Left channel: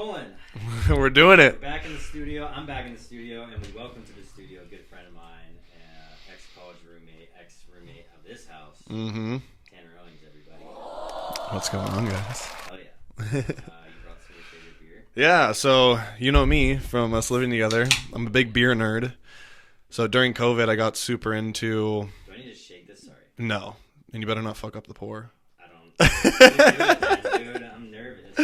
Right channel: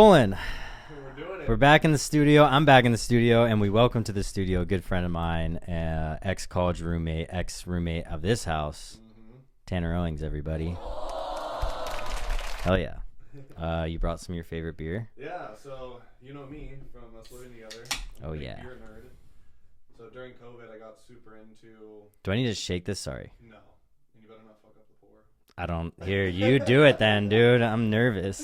rolling. We're doing it. We're back in the studio. I'm back in the studio, and we welcome to the studio a good friend of mine, ex-college roommate, ex-roommate of this house, Tanner Owings, everybody. What's going on, guys? Hell yeah. You brought some of your favorite beer? Yeah, so you know me from us living together. I'm a big beer nerd. So during COVID, I got super into... Do I need to shake this? Sorry. No. And you better not fuck up the pour. I don't. Dude, you do it then, dude. I'm nervous.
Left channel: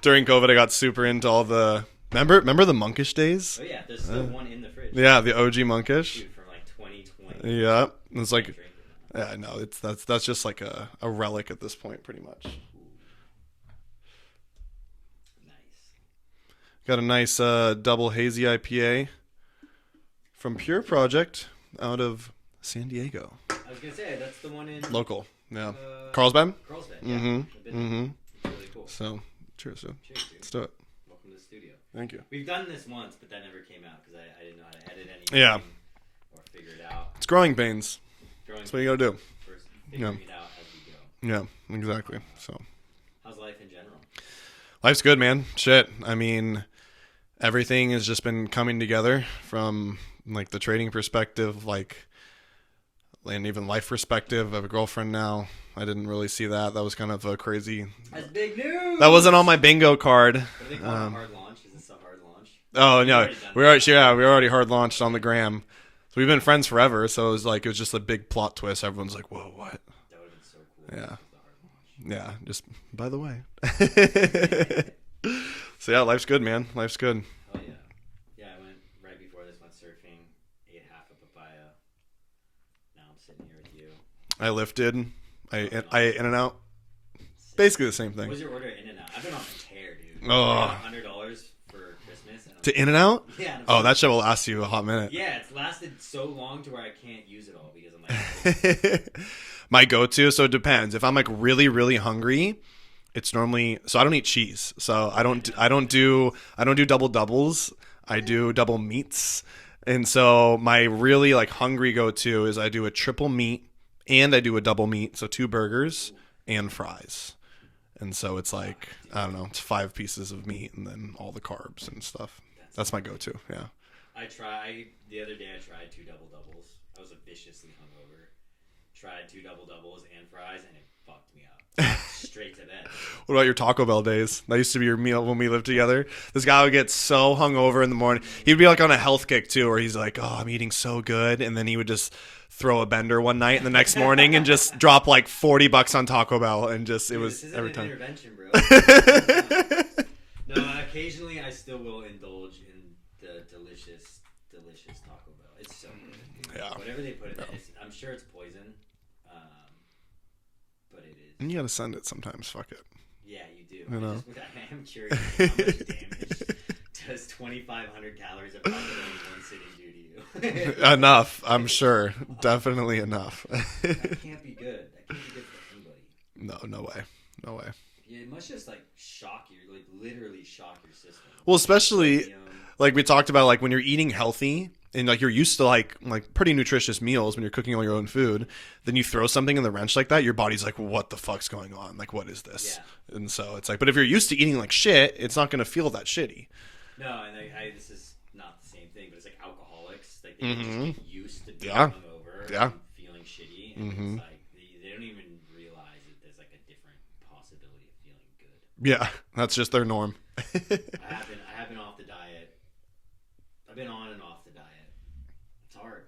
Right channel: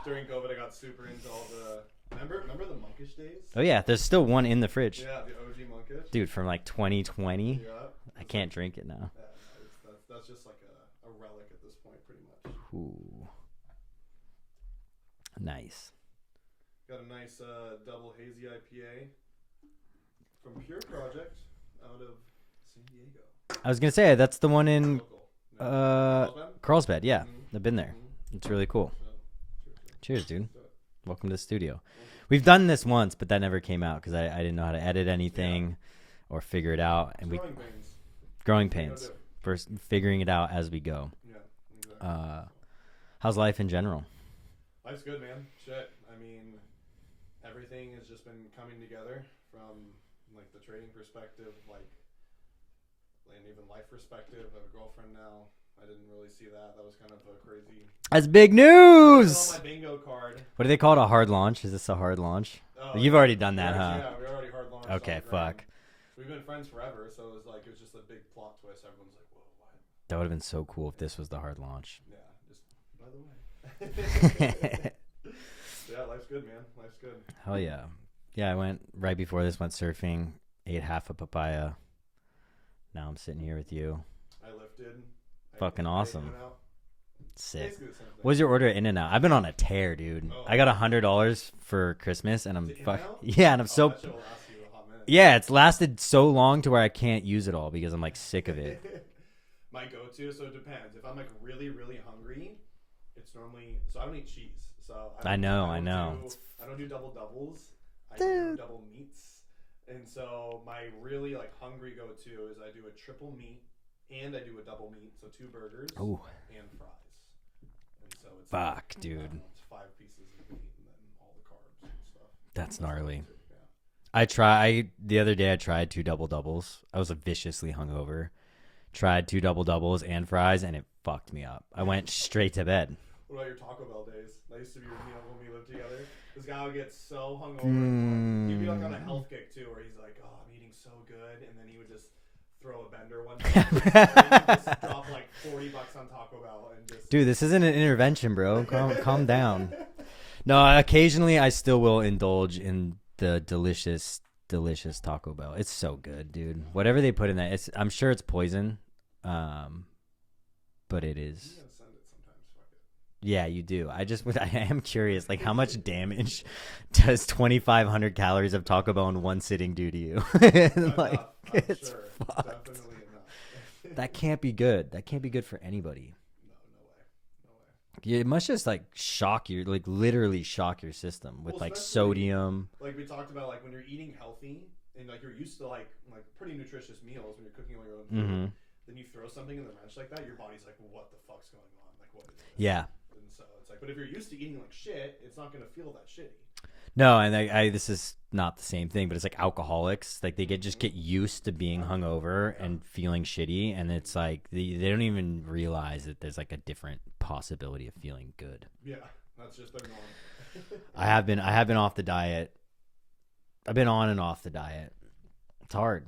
During COVID, I got super into all the... Remember the monkish days? Oh, yeah. There's still one in the fridge. Yeah, the OG monkish. Dude, from like 2020. Yeah. It's I can't drink it now. Yeah, no, that's just like a relic at this point, pretty much. Ooh. Nice. Got a nice double hazy IPA from Pure Project out of San Diego. I was going to say, that's the one in... Local. Yeah. Carlsbad? Carlsbad, yeah. I've been there. It's really cool. So, cheers, dude. Cheers, dude. Let's do it. Welcome to the studio. Thank you. We've done this once, but that never came out because I didn't know how to edit anything or figure it out. It's growing pains. Growing That's pains. what you gotta do. First, figuring it out as we go. Yeah, exactly. How's life in general? Life's good, man. Shit. I mean, everything has just been coming together from like the trading perspective, and even life perspective. I have a girlfriend now. I didn't really see that. That was kind of a crazy... That's big news! That wasn't on my bingo card. What do they call it? A hard launch? Is this a hard launch? Oh, You've no. already done that. We already hard launched on the gram. Fuck. So we've been friends forever. So it was just a big plot twist. Everyone's like, whoa, what? That would have been so cool if this was the hard launch. Yeah, just by the way. So yeah, life's good, man. Life's good. Hell yeah. Yeah, I went right before this, went surfing, ate half a papaya. Now I'm sitting here with you. I lifted. I Awesome. in and out. Sick. Basically the same thing. What's your order at In-N-Out? I've been on a tear, dude. Oh. I got $100 for Christmas, and I'm to In-N-Out? Yeah, and I'm that shit will last you a hot minute. Yeah, it's lasted so long to where I can't use it all because I'm like sick of it. My go-to, so it depends. If I'm like really, really hungry, it's normally so I don't eat cheese. So I don't do double doubles. I do double meats. And so my really like hungry go-to is I do a triple meat and I do a double meat, so 2 burgers and fries. And so it's dude. I don't know, it's 5 pieces of meat and then all the carbs and stuff. That's my go-to. Yeah. The other day I tried 2 double doubles. I was viciously hungover. Tried 2 double doubles and fries, and it fucked me up. I went straight to bed. What about your Taco Bell days? That used to be your meal when we lived together. This guy would get so hungover in the morning. He'd be like on a health kick too, where he's like, "Oh, I'm eating so good," and then he would just throw a bender one night, and the next morning, and just drop like $40 on Taco Bell, and just dude, this isn't an intervention, bro. Calm down. No, occasionally I still will indulge in the delicious Taco Bell. It's so good, dude. Yeah. Whatever they put in that, I'm sure it's poison. But it is. And you gotta send it sometimes. Fuck it. Yeah, you do. I am curious, like how much damage does 2,500 calories of Taco Bell in one sitting do to you? Enough, I'm sure. Definitely enough. That can't be good. That can't be good for anybody. No way. Yeah, it must just like literally shock your system. Well, especially like we talked about, like when you're eating healthy and like you're used to like pretty nutritious meals when you're cooking all your own food, then you throw something in the wrench like that, your body's like, what the fuck's going on? Like, what is this? Yeah. And so it's like, but if you're used to eating like shit, it's not going to feel that shitty. No, and this is not the same thing, but it's like alcoholics. Like they just get used to being hungover and feeling shitty, and it's like they don't even realize that there's like a different possibility of feeling good. Yeah, that's just their norm. I have been off the diet. I've been on and off the diet. It's hard.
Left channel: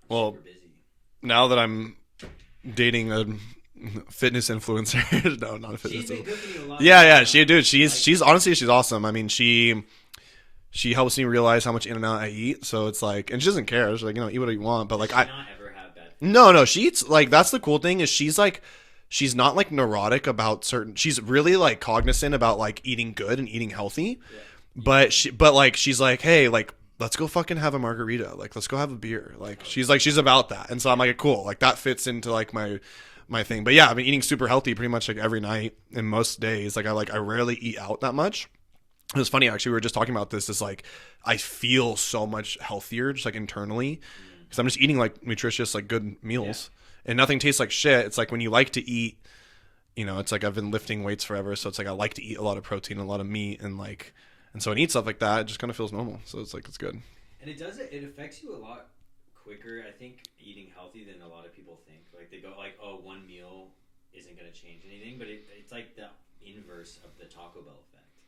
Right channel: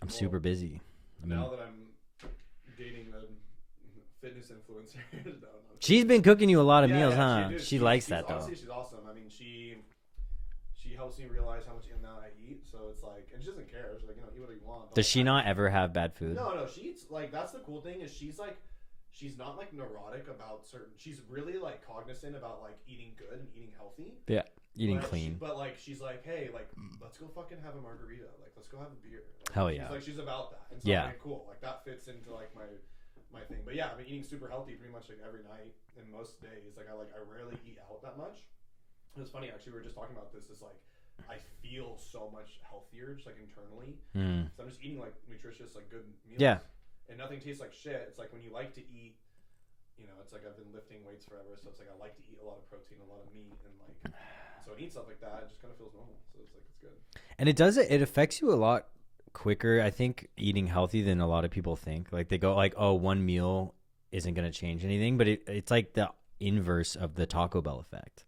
I'm super busy. Now that I'm dating a fitness influencer, no, not a fitness. She's been cooking you a lot. She's honestly, she's awesome. I mean, she helps me realize how much In-N-Out I eat. So it's like, and she doesn't care. She's like, eat what you want. But does she not ever have bad food? No, she eats like, that's the cool thing is she's not like neurotic about certain. She's really like cognizant about like eating good and eating healthy. Yeah. But she's like, hey, like, let's go fucking have a margarita. Like, let's go have a beer. Like, she's about that. And so I'm like, cool. Like that fits into like my thing. But yeah, I've been eating super healthy pretty much like every night and most days. Like I rarely eat out that much. It was funny, actually. We were just talking about this. Is like I feel so much healthier, just like internally, because I'm just eating like nutritious, like good meals, and nothing tastes like shit. It's like when you like to eat you know, it's like I've been lifting weights forever, so it's like I like to eat a lot of protein, a lot of meat, and like, and so when I eat stuff like that, it just kind of feels normal. So it's like, it's good. And it affects you a lot quicker, I think, eating healthy than a lot of people think. Like they go like, oh, one meal isn't going to change anything, but it's like the inverse of the Taco Bell effect.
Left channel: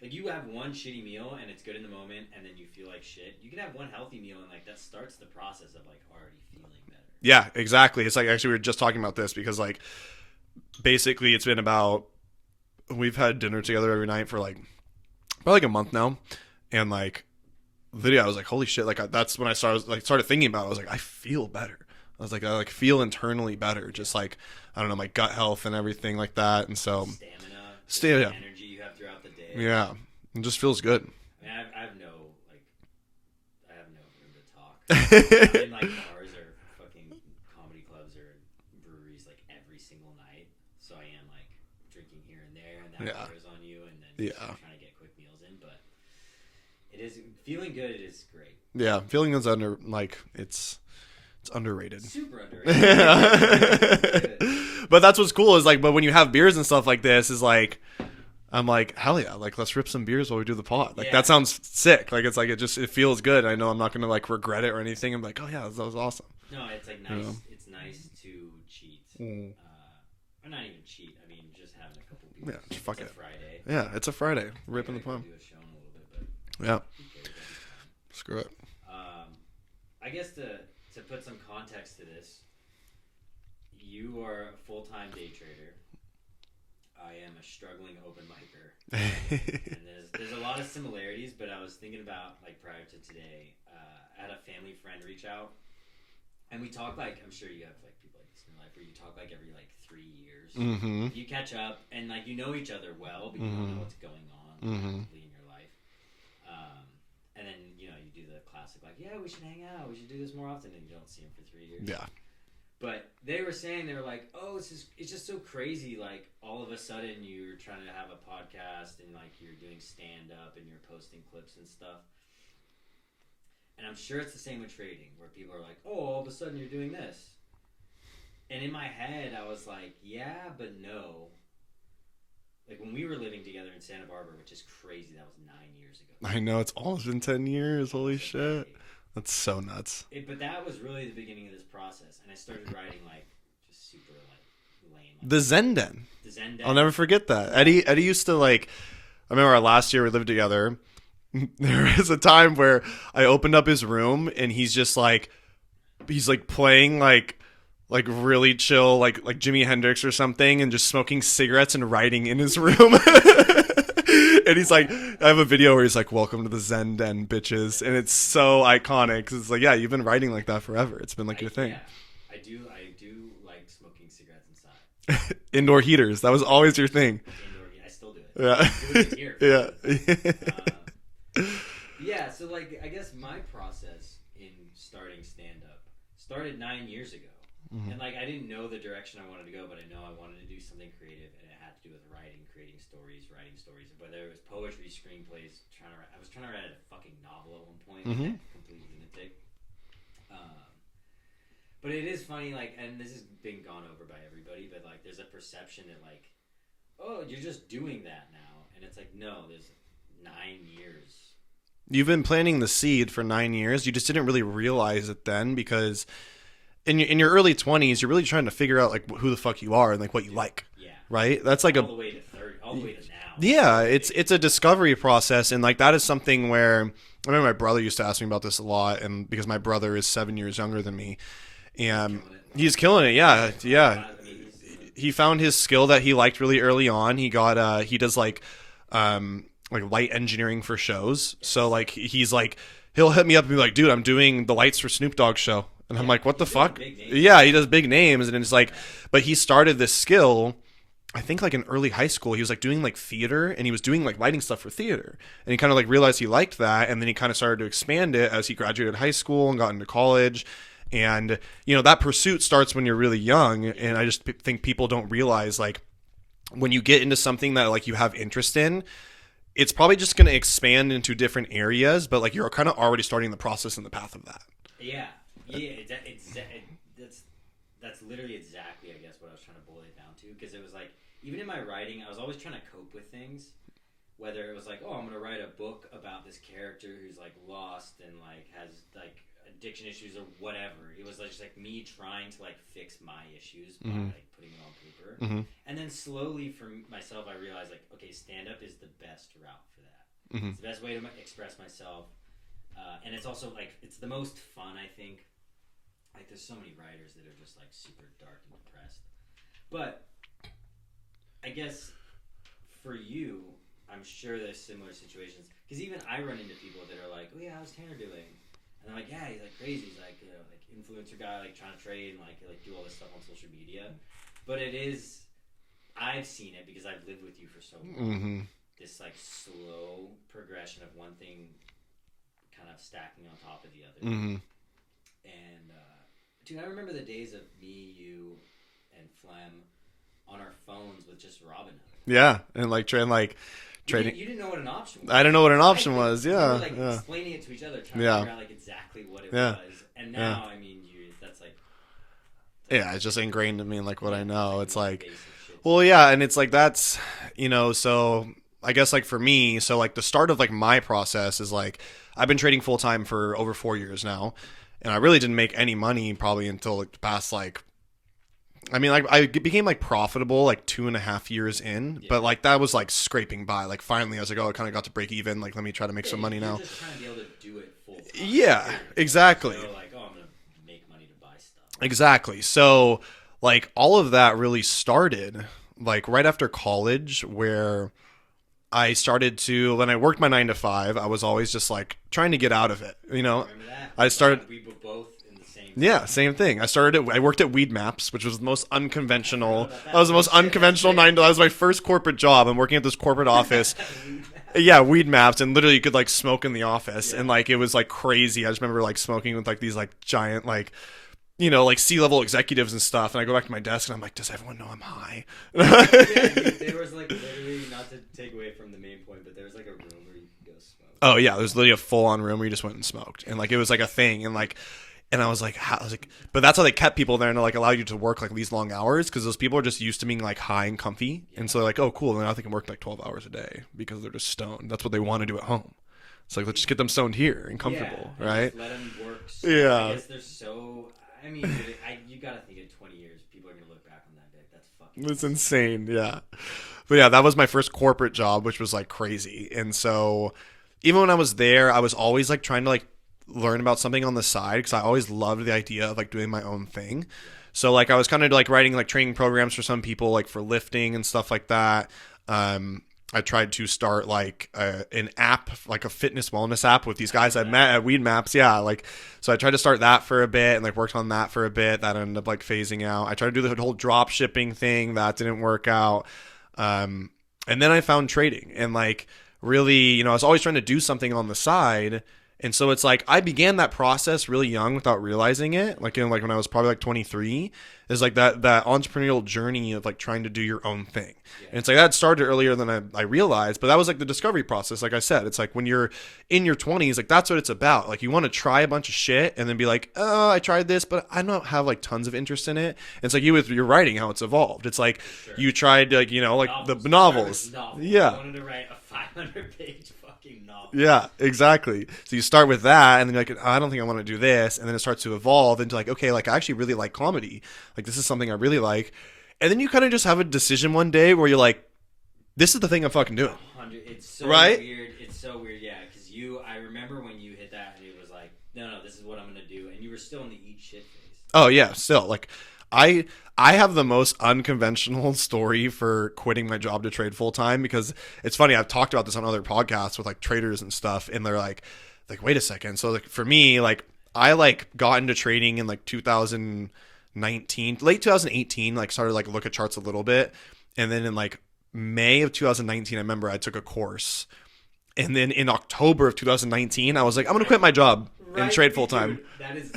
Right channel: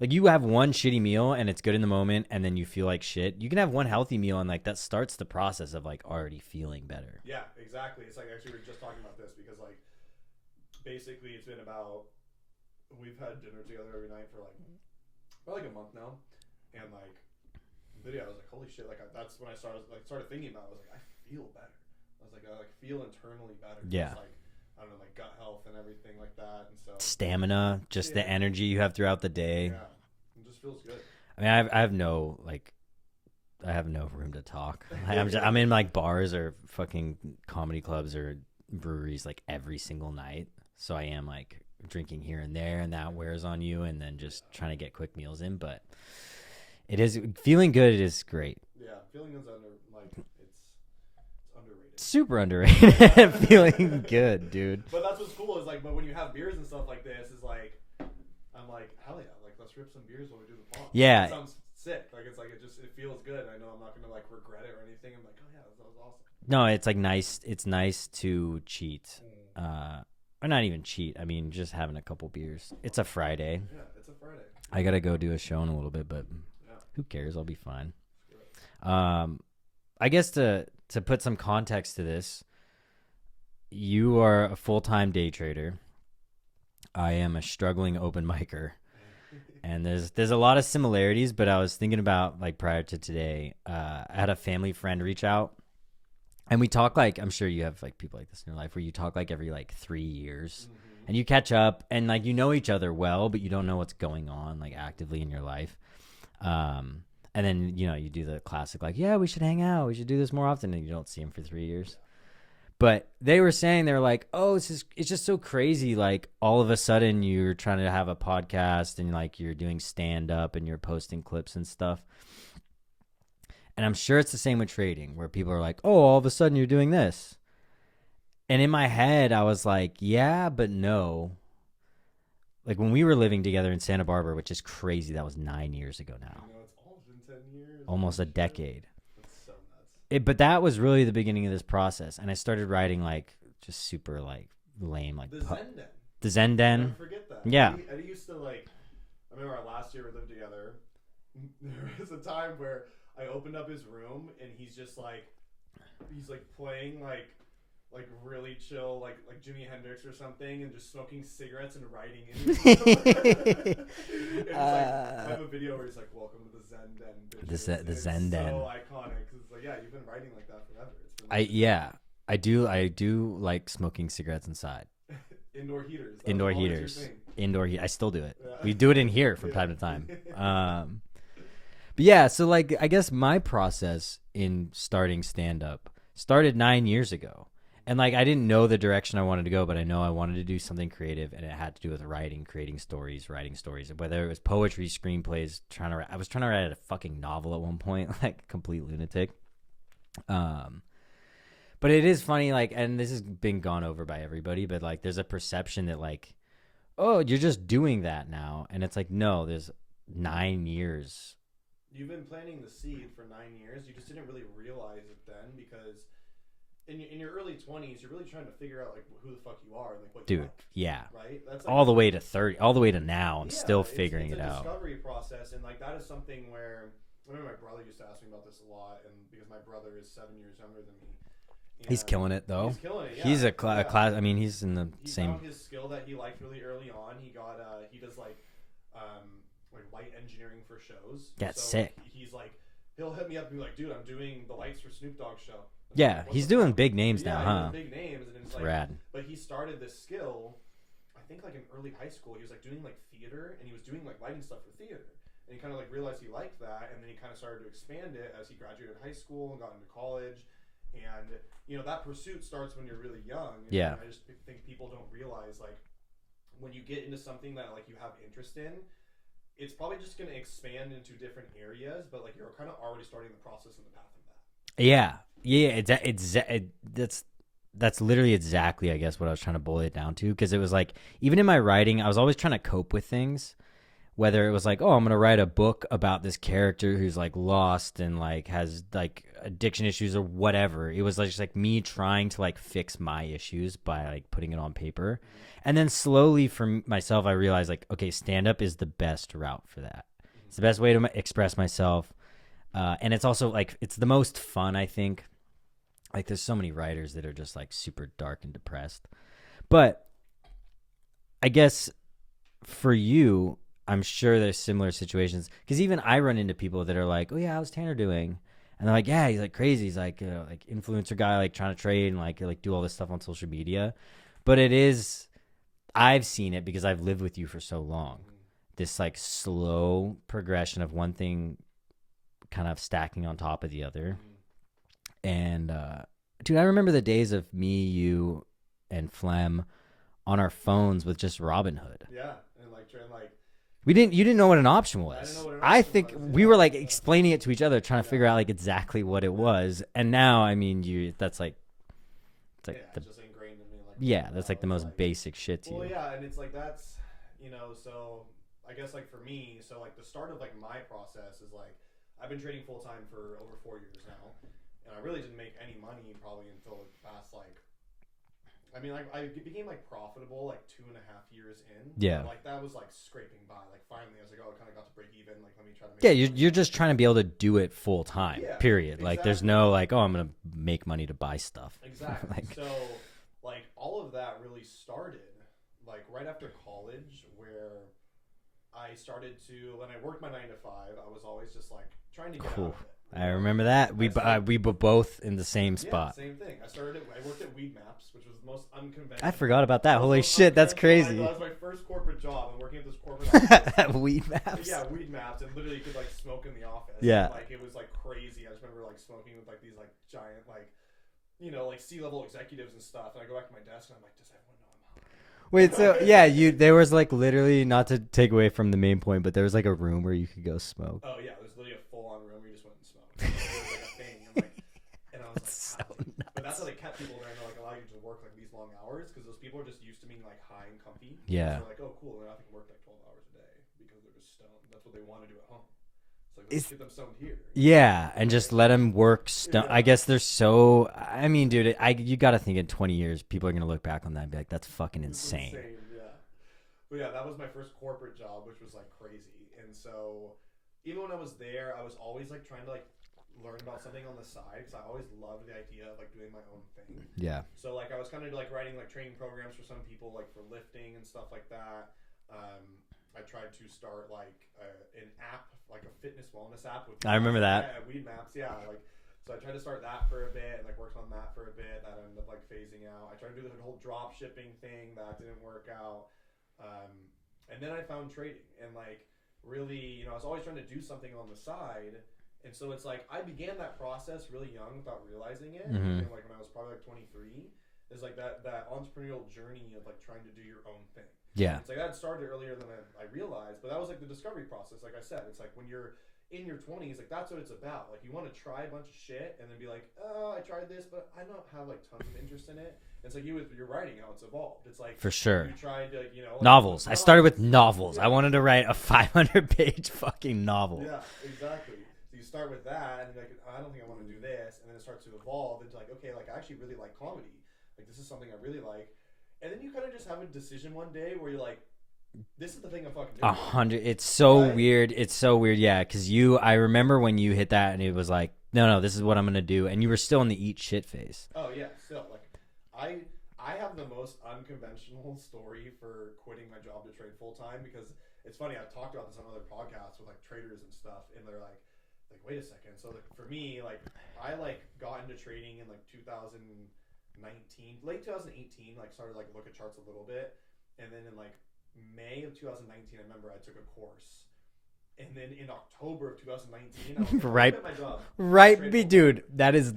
Like you have one shitty meal and it's good in the moment and then you feel like shit. You can have one healthy meal and like that starts the process of like already feeling better. Yeah, exactly. It's like, actually we were just talking about this because like basically it's been about, we've had dinner together every night for like probably like a month now, and like literally I was like, holy shit, like that's when I started thinking about it. I was like, I feel better. I was like, I like feel internally better. Yeah. Just like, I don't know, my gut health and everything like that. And so stamina, just the energy you have throughout the day. Yeah. It just feels good. I mean, I have no room to talk. I'm in like bars or fucking comedy clubs or breweries like every single night. So I am like drinking here and there, and that wears on you, and then just trying to get quick meals in. But it is feeling good. It is great. Yeah. Feeling is it's underrated. Super underrated. Feeling good, dude. But that's what's cool is like, but when you have beers and stuff like this, is like, I'm like, hell yeah, like let's rip some beers while we do the pod. Like, yeah, that sounds sick. Like it's like it feels good. I know I'm not gonna like regret it or anything. I'm like, oh yeah, that was awesome. No, it's like nice. It's nice to cheat, or not even cheat. I mean, just having a couple beers. Yeah, it's a Friday. Yeah, it's a Friday. I gotta go do a show in a little bit, but yeah, who cares? I'll be fine. Screw it. I guess to put some context to this, you are a full-time day trader. I am a struggling open micer, and there's a lot of similarities. But I was thinking about like prior to today, I had a family friend reach out, and we talk like, I'm sure you have like people like this in your life where you talk like every like 3 years, and you catch up and like you know each other well, but you don't know what's going on like actively in your life. And then, you know, you do the classic, like, yeah, we should hang out. We should do this more often. And you don't see them for 3 years. Yeah. But they were like, oh, it's just so crazy. Like, all of a sudden, you're trying to have a podcast and, like, you're doing stand-up and you're posting clips and stuff. And I'm sure it's the same with trading, where people are like, oh, all of a sudden you're doing this. And in my head, I was like, yeah, but no. Like when we were living together in Santa Barbara, which is crazy, that was 9 years ago now. I know, it's almost been 10 years. Almost Holy a decade. That's so nuts. But that was really the beginning of this process. And I started writing like just super like lame. Like the Zen Den. The Zen Den. I'll never forget that. Yeah. Eddie used to like, I remember our last year we lived together. There was a time where I opened up his room and he's playing like really chill, like Jimi Hendrix or something, and just smoking cigarettes and writing in his room. And he's like, I have a video where he's like, welcome to the Zen Den, bitches. And it's so iconic. Cause it's like, yeah, you've been writing like that forever. It's been like, yeah, I do like smoking cigarettes inside. Indoor heaters. That was always your thing. Indoor heat. I still do it. Yeah. You do it in here from time to time. But yeah. So like, I guess my process in starting stand up started 9 years ago. And like I didn't know the direction I wanted to go, but I know I wanted to do something creative, and it had to do with writing, creating stories, whether it was poetry, screenplays. I was trying to write a fucking novel at one point, like complete lunatic. But it is funny, like, and this has been gone over by everybody, but like there's a perception that like, oh, you're just doing that now, and it's like, no, there's 9 years. You've been planting the seed for 9 years. You just didn't really realize it then, because in your early 20s, you're really trying to figure out like who the fuck you are and like what you like. Yeah. Right? That's like all the way to 30, all the way to now. Yeah, it's a discovery process, and like that is something where I remember my brother used to ask me about this a lot, and because my brother is 7 years younger than me. And he's killing it though. He's killing it, yeah. I mean, he's in the He found his skill that he liked really early on. He got he does like light engineering for shows. That's so sick. like he's like he'll hit me up and be like, "Dude, I'm doing the lights for Snoop Dogg's show." And I'm like, what the fuck? Big names. Yeah, he does big names, and it's like, Rad. But he started this skill, I think like in early high school. He was like doing like theater, and he was doing like lighting stuff for theater, and he kind of like realized he liked that, and then he kind of started to expand it as he graduated high school and got into college. And you know, that pursuit starts when you're really young, and I just think people don't realize like when you get into something that like you have interest in, it's probably just going to expand into different areas, but like you're kind of already starting the process in the path of that. Yeah. Yeah, that's that's literally exactly, I guess, what I was trying to boil it down to. Because it was like, even in my writing, I was always trying to cope with things. Whether it was like, oh, I'm going to write a book about this character who's like lost and like has like addiction issues or whatever. It was like, just like me trying to like fix my issues by like putting it on paper. And then slowly for myself, I realized like, okay, stand up is the best route for that. It's the best way to express myself. And it's also like, it's the most fun, I think. Like there's so many writers that are just like super dark and depressed. But I guess for you, I'm sure there's similar situations, because even I run into people that are like, oh yeah, how's Tanner doing? And they're like, yeah, he's like crazy. He's like, like influencer guy, like trying to trade and like do all this stuff on social media. But it is, I've seen it because I've lived with you for so long. This like slow progression of one thing kind of stacking on top of the other. And dude, I remember the days of me, you, and Flem on our phones with just Robinhood. Yeah, and like trying like. You didn't know what an option was. I didn't know what an option was. Yeah, we were like explaining it to each other, trying to figure out like exactly what it was. And now, I mean, that's like, it's just ingrained in me, and like what I know. It's like basic shit. Well, yeah, and it's like that's so I guess like for me, so like the start of like my process is like I've been trading full time for over 4 years now, and I really didn't make any money probably until like the past like. I mean, like I became like profitable like 2.5 years in, but like that was like scraping by. Like finally, I was like, oh, I kind of got to break even. Like, let me try to make some money. You're just trying to be able to do it full time. Yeah, period. Exactly. Like, there's no like, oh, I'm gonna make money to buy stuff. Exactly. So like all of that really started like right after college, where I started to, when I worked my 9 to 5, I was always just like trying to get out of it. You know, remember that? We were both in the same spot. Yeah, same thing. I worked at Weed Maps, which was the most unconventional. I forgot about that. That was the most unconventional 9 to 5. That was my first corporate job. I'm working at this corporate office. Weed Maps. Yeah, Weed Maps, and literally you could like smoke in the office, and like it was like crazy. I just remember like smoking with like these like giant like. You know, like C-level executives and stuff, and I go back to my desk and I'm like, does everyone know I'm high? Wait, so, there was like literally, not to take away from the main point, but there was like a room where you could go smoke. Oh yeah, there was literally a full-on room where you just went and smoked, and like it was like a thing, and like, and I was like, but that's how they kept people there and like allow you to work like these long hours, because those people are just used to being like high and comfy, and so they're like, oh cool, and now they can work like 12 hours a day because they're just stoned. That's what they want to do at home. It's like, let's just get them stoned here. And and just let them work. I guess they're so. I mean, dude, you got to think in 20 years, people are gonna look back on that and be like, "That's fucking insane." It's insane, yeah. But yeah, that was my first corporate job, which was like crazy. And so, even when I was there, I was always like trying to like learn about something on the side, because I always loved the idea of like doing my own thing. Yeah. So like I was kind of like writing like training programs for some people, like for lifting and stuff like that. I tried to start like an app, like a fitness wellness app with these guys at Weed Maps. Yeah. Like, so I tried to start that for a bit and like worked on that for a bit. That ended up like phasing out. I tried to do the whole drop shipping thing. That didn't work out. And then I found trading, and like really, you know, I was always trying to do something on the side. And so it's like I began that process really young without realizing it. Like, like when I was probably like 23, is like that entrepreneurial journey of like trying to do your own thing. Yeah. And it's like that started earlier than I realized, but that was like the discovery process. Like I said, it's like when you're in your 20s, like that's what it's about. Like you want to try a bunch of shit and then be like, oh, I tried this, but I don't have like tons of interest in it. And it's like you with your writing, how it's evolved. It's like, for sure, you tried like, you know, like novels. The novels. I started with novels. Yeah. I wanted to write a 500-page fucking novel. Yeah, exactly. So you start with that, and then you're like, oh, I don't think I want to do this. And then it starts to evolve into like, okay, like I actually really like comedy. Like this is something I really like. And then you kind of just have a decision one day where you're like, this is the thing I'm fucking doing. 100. It's so weird. It's so weird. Yeah. Cause I remember when you hit that and it was like, no, this is what I'm going to do. And you were still in the eat shit phase. Oh yeah. Still like I have the most unconventional story for quitting my job to trade full time, because it's funny. I've talked about this on other podcasts with like traders and stuff. And they're like, wait a second. So like for me, like I like got into trading in like 2019, late 2018, like started like look at charts a little bit. And then in like May of 2019, I remember I took a course And then in October of 2019, I was like, I'm going to quit my job and trade full time. Dude, that is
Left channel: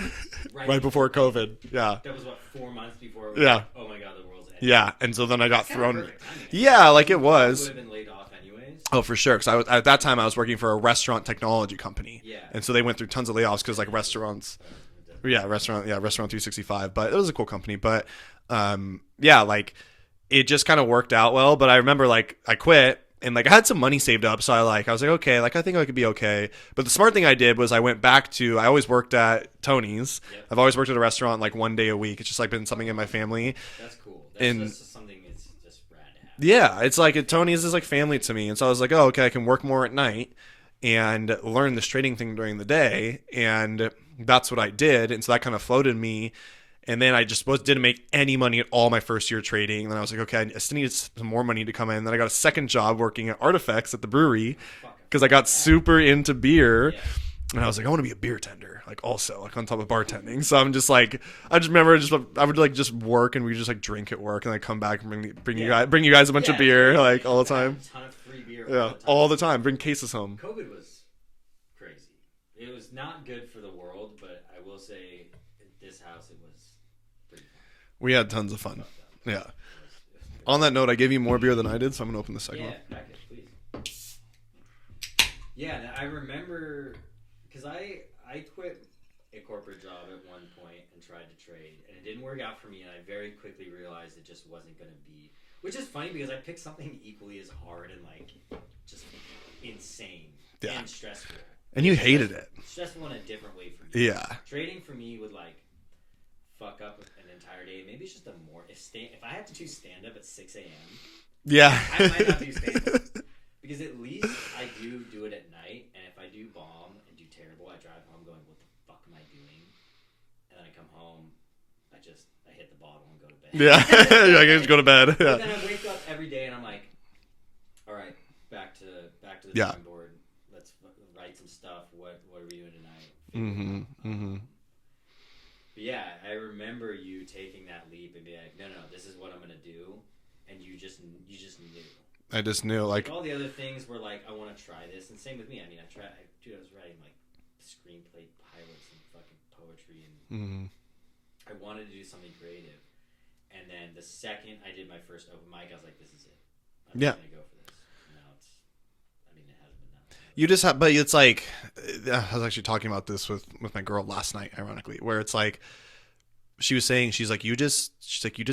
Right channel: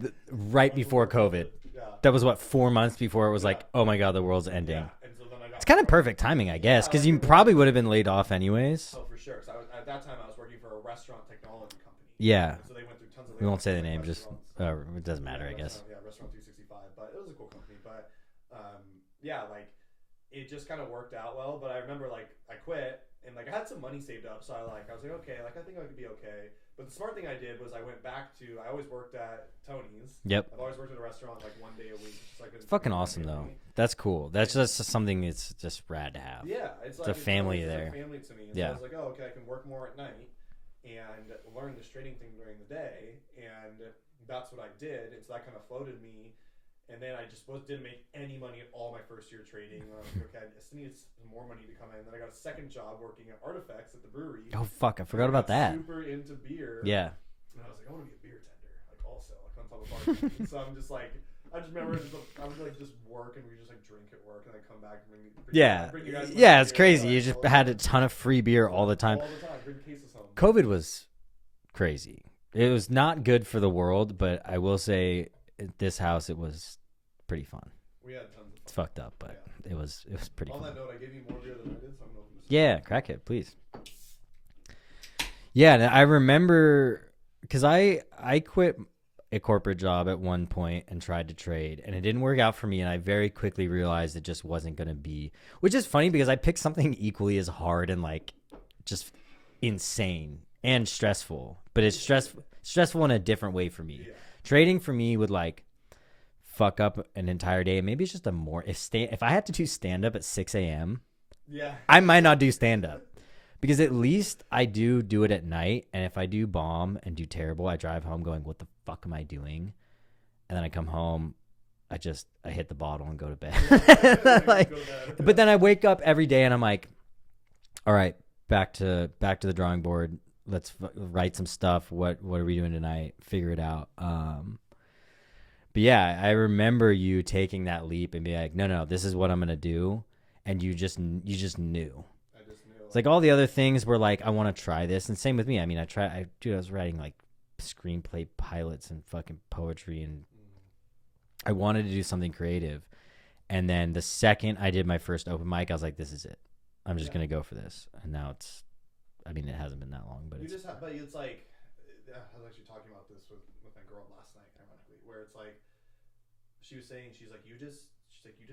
right before COVID. Yeah. That was 4 months before it was like, oh my God, the world's ending. Yeah. And so then I got It's kind of perfect timing, I guess. Yeah, like you it was. probably would have been laid off anyways. Oh, for sure. Because at that time, I was working for a restaurant technology company. Yeah. And so they went through tons of layoffs because like restaurants. Restaurant 365. But it was a cool company. But yeah, like it just kind of worked out well. But I remember like I quit. And like I had some money saved up, so I was like, okay, like I think I could be okay. But the smart thing I did was I went back to, I always worked at Tony's. Yep. I've always worked at a restaurant like one day a week. It's just like been something in my family. Though. That's cool. That's just something that's just rad to have. Yeah, it's like Tony's is like family to me, and so I was like, oh, okay, I can work more at night and learn this trading thing during the day, and that's what I did. And so that kind of floated me. And then I just didn't make any money at all my first year trading. And then I was like, okay, I still needed some more money to come in. And then I got a second job working at Artifacts at the brewery. Oh, fuck. Because I got super into beer. Yeah. And I was like, I want to be a beer tender, like also, like on top of bartending. So I'm just like, I just remember I would like just work and we just like drink at work and then come back and bring you guys a bunch of beer. Like all the time. Had a ton of free beer all the time. All the time. Bring cases home. COVID was crazy. It was not good for the world, but I will say at this house it was pretty fun. We had tons of fun. It's fucked up, but yeah. It was pretty on fun. That note, I gave you more beer than I did, so I'm gonna open the second. Yeah, crack it, please. Yeah, and I remember because I quit a corporate job at one point and tried to trade, and it didn't work out for me, and I very quickly realized it just wasn't gonna be, which is funny because I picked something equally as hard and like just insane and stressful. But you hated it. Stressful in a different way for me. Yeah. Trading for me would like fuck up an entire day. Maybe it's just if I had to do stand up at 6 a.m. Yeah. I might not do stand up because at least I do it at night. And if I do bomb and do terrible, I drive home going, what the fuck am I doing? And then I come home, I hit the bottle and go to bed. Yeah. I just go to bed. Yeah. But then I wake up every day and I'm like, all right, back to the drawing board. Let's write some stuff. What are we doing tonight? Figure it out. But yeah, I remember you taking that leap and being like, no, this is what I'm gonna do, and you just knew. I just knew. Like all the other things were like, I want to try this, and same with me. I mean, I was writing like screenplay pilots and fucking poetry, and I wanted to do something creative. And then the second I did my first open mic, I was like, this is it. I'm just gonna go for this. And now it's. I mean, it hasn't been that long. But. But it's like, I was actually talking about this with my girl last night, ironically, where it's like, she was saying, she's like, you just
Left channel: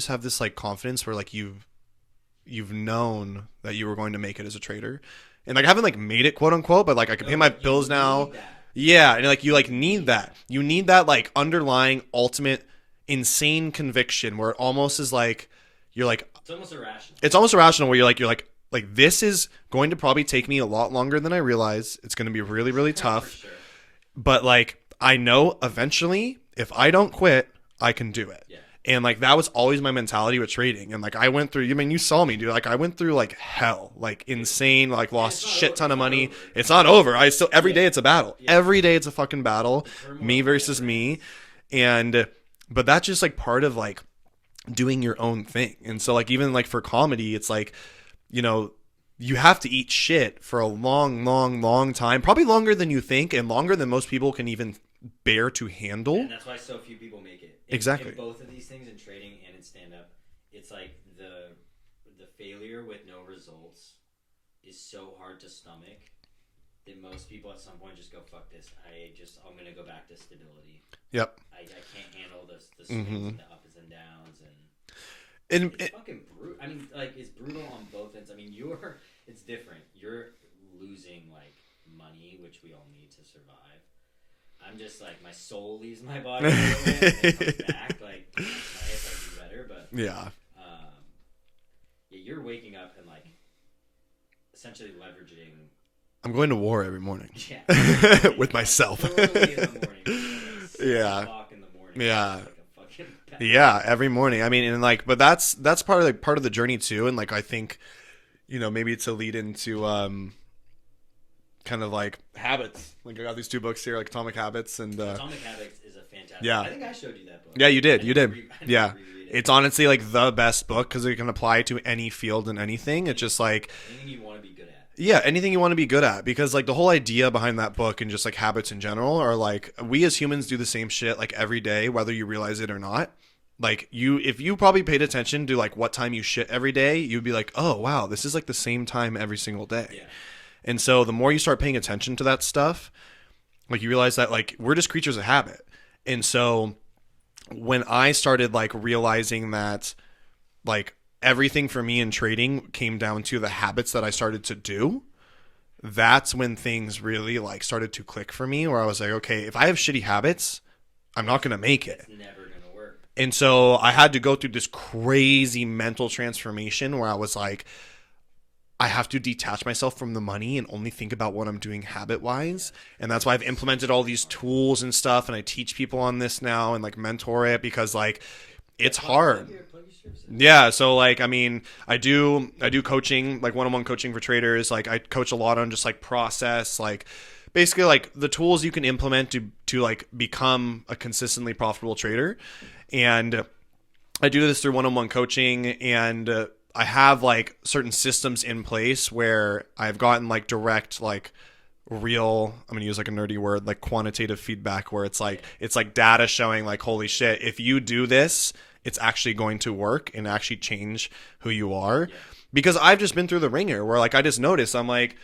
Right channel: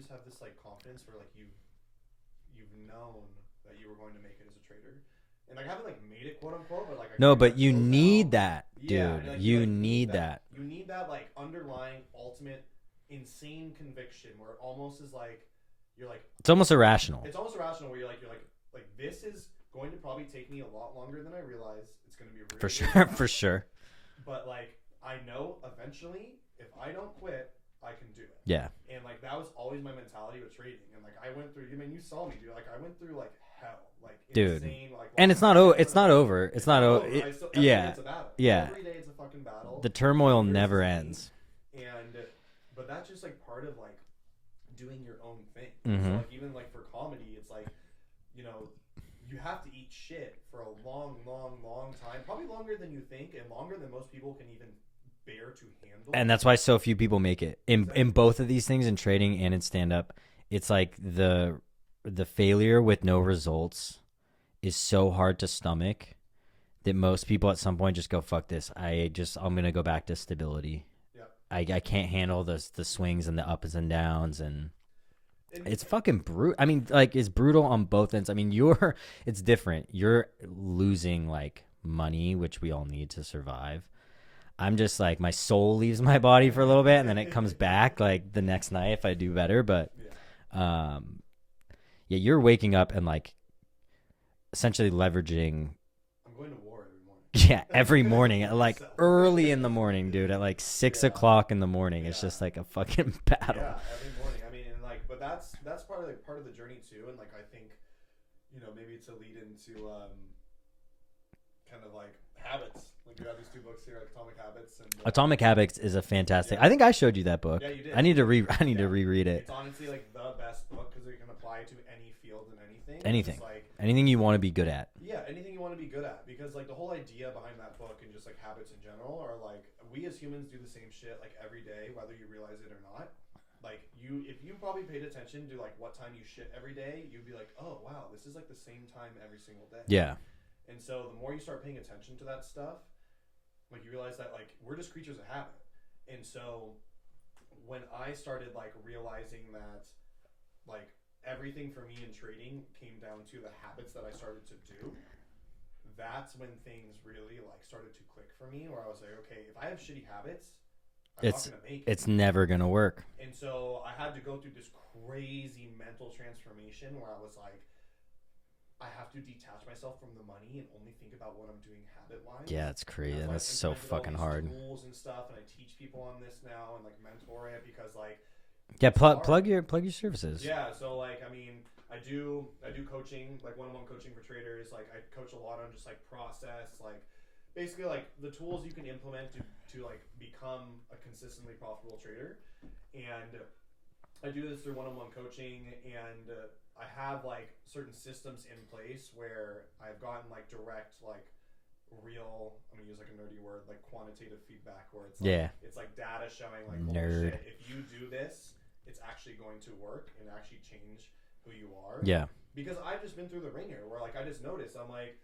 have this like confidence where like you've known that you were going to make it as a trader. And like, I haven't like made it quote unquote, but like I can pay my bills now. You need that. Yeah. And like, you like need that. You need that like underlying ultimate insane conviction where it almost is like, you're like, it's almost irrational. It's almost irrational where you're like, this is going to probably take me a lot longer than I realize. It's going to be really, really tough. For sure. But like, I know eventually if I don't quit, I can do it. Yeah. And like, that was always my mentality with trading. And like, I went through, you saw me, dude. Like I went through like hell, like insane, like lost a shit ton of money. It's not over. I still, every day it's a battle. Yeah. Every day it's a fucking battle. The turmoil me versus never me. ends. But that's just like part of like doing your own thing. And so like, even like for comedy, it's like, you have to eat shit for a long, long, long time, probably longer than you think and longer than most people can even bear to handle. And that's why so few people make it. Exactly. In both of these things, in trading and in stand-up, it's like the failure with no results is so hard to stomach that most people at some point just go, fuck this. I'm going to go back to stability. Yep. I can't handle the swings and the ups and downs and it's fucking brutal. I mean, like, it's brutal on both ends. I mean, it's different. You're losing like money, which we all need to survive. I'm just like, my soul leaves my body for a little bit and then it comes back like the next night if I do better. But yeah, you're waking up and like essentially leveraging. I'm going to war every morning. Yeah, every morning with myself, early in the morning, dude. At like 6 o'clock in the morning. Yeah, it's just like a fucking battle. Yeah, every morning. I mean, and like, but that's part of the journey too. And like, I think, maybe to lead into kind of like habits. Like I got these 2 books here, like Atomic Habits and Atomic Habits is a fantastic. I think I showed you that book. Yeah, you did. I need to reread it. It's honestly like the best book because it can apply to any field and anything. It's just like anything you want to be good at. Yeah, anything you want to be good at, because like the whole idea behind that book and just like habits in general are like we as humans do the same shit like every day, whether you realize it or not. Like if you probably paid attention to like what time you shit every day, you'd be like, oh wow, this is like the same time every single day. Yeah. And so the more you start paying attention to that stuff, like you realize that like we're just creatures of habit. And so when I started like realizing that like everything for me in trading came down to the habits that I started to do, that's when things really like started to click for me, where I was like, okay, if I have shitty habits, I'm not going to make it. It's never going to work. And so I had to go through this crazy mental transformation where I was like, I have to detach myself from the money and only think about what I'm doing habit-wise. Yeah, and that's why I've implemented all these tools and stuff, and I teach people on this now and like mentor it, because like it's hard. Plug your services. Yeah, so like I mean, I do coaching, like one-on-one coaching for traders. Like I coach a lot on just like process, like basically like the tools you can implement to like become a consistently profitable trader. And I do this through one-on-one coaching, and I have like certain systems in place where I've gotten like direct, like real, I'm going to use like a nerdy word, like quantitative feedback, where it's like, it's like data showing like, holy shit, if you do this, it's actually going to work and actually change who you are. Yeah. Because I've just been through the ringer where like, I just noticed, I'm like,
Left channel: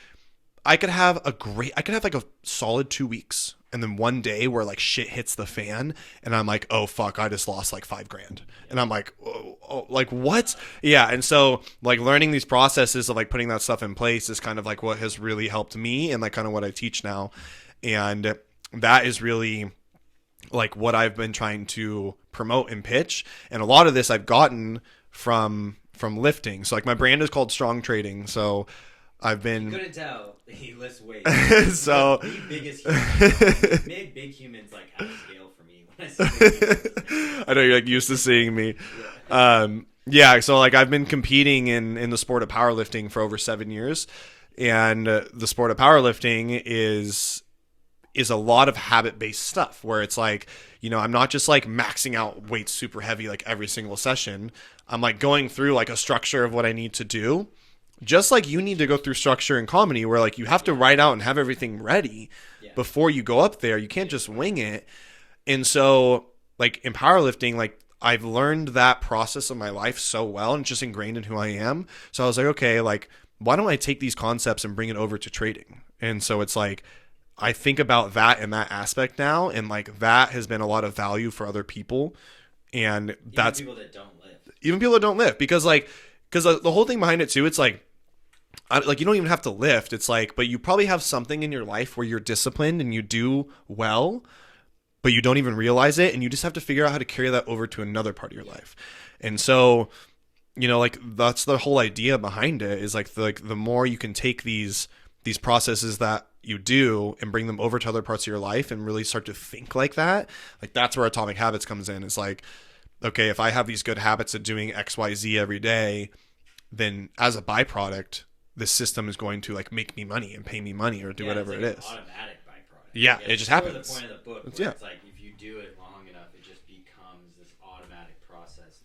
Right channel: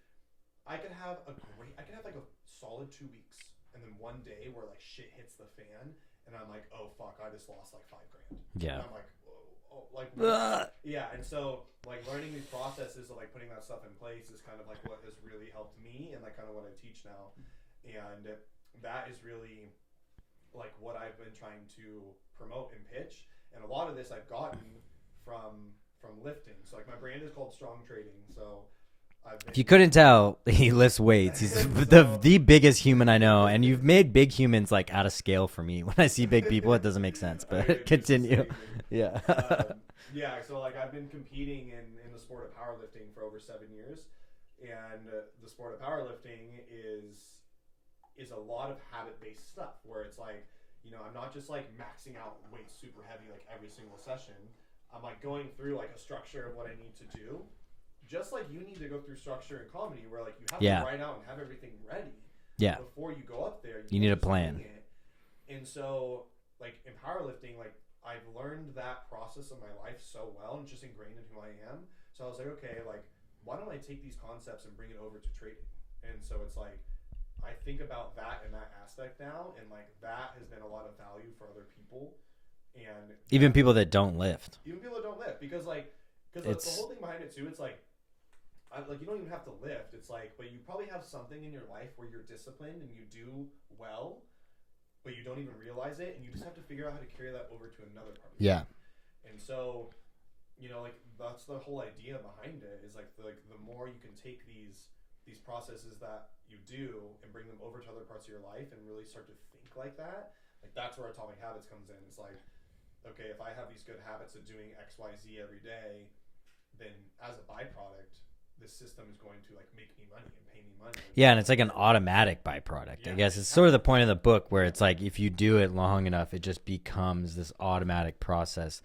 I could have like a solid 2 weeks. And then one day where like shit hits the fan and I'm like, oh fuck, I just lost like $5,000. Yeah. And I'm like, oh, like what? Yeah. And so like learning these processes of like putting that stuff in place is kind of like what has really helped me, and like kind of what I teach now. And that is really like what I've been trying to promote and pitch. And a lot of this I've gotten from lifting. So like my brand is called Strong Trading. So I've been. You couldn't tell he lifts weights. So the biggest human I know, and you've made big humans like out of scale for me. When I see big people, it doesn't make sense. I know you're like used to seeing me. Yeah. Yeah. So like I've been competing in the sport of powerlifting for over 7 years, and the sport of powerlifting is a lot of habit based stuff where it's like, you know, I'm not just like maxing out weights super heavy like every single session. I'm like going through like a structure of what I need to do. Just like you need to go through structure in comedy where like you have to write out and have everything ready before you go up there. You can't just wing it. And so like in powerlifting, like I've learned that process of my life so well and just ingrained in who I am. So I was like, okay, like why don't I take these concepts and bring it over to trading? And so it's like, I think about that in that aspect now. And like that has been a lot of value for other people. And even people that don't lift. Because the whole thing behind it too, it's like you don't even have to lift. It's like, but you probably have something in your life where you're disciplined and you do well, but you don't even realize it. And you just have to figure out how to carry that over to another part of your life. And so, you know, like that's the whole idea behind it, is like the more you can take these processes that you do and bring them over to other parts of your life and really start to think like that. Like that's where Atomic Habits comes in. It's like, okay, if I have these good habits of doing X, Y, Z every day, then as a byproduct, this system is going to like make me money and pay me money. Or and it's like an automatic byproduct. Yeah, I guess. It's sort of the point of the book where it's like if you do it long enough, it just becomes this automatic process.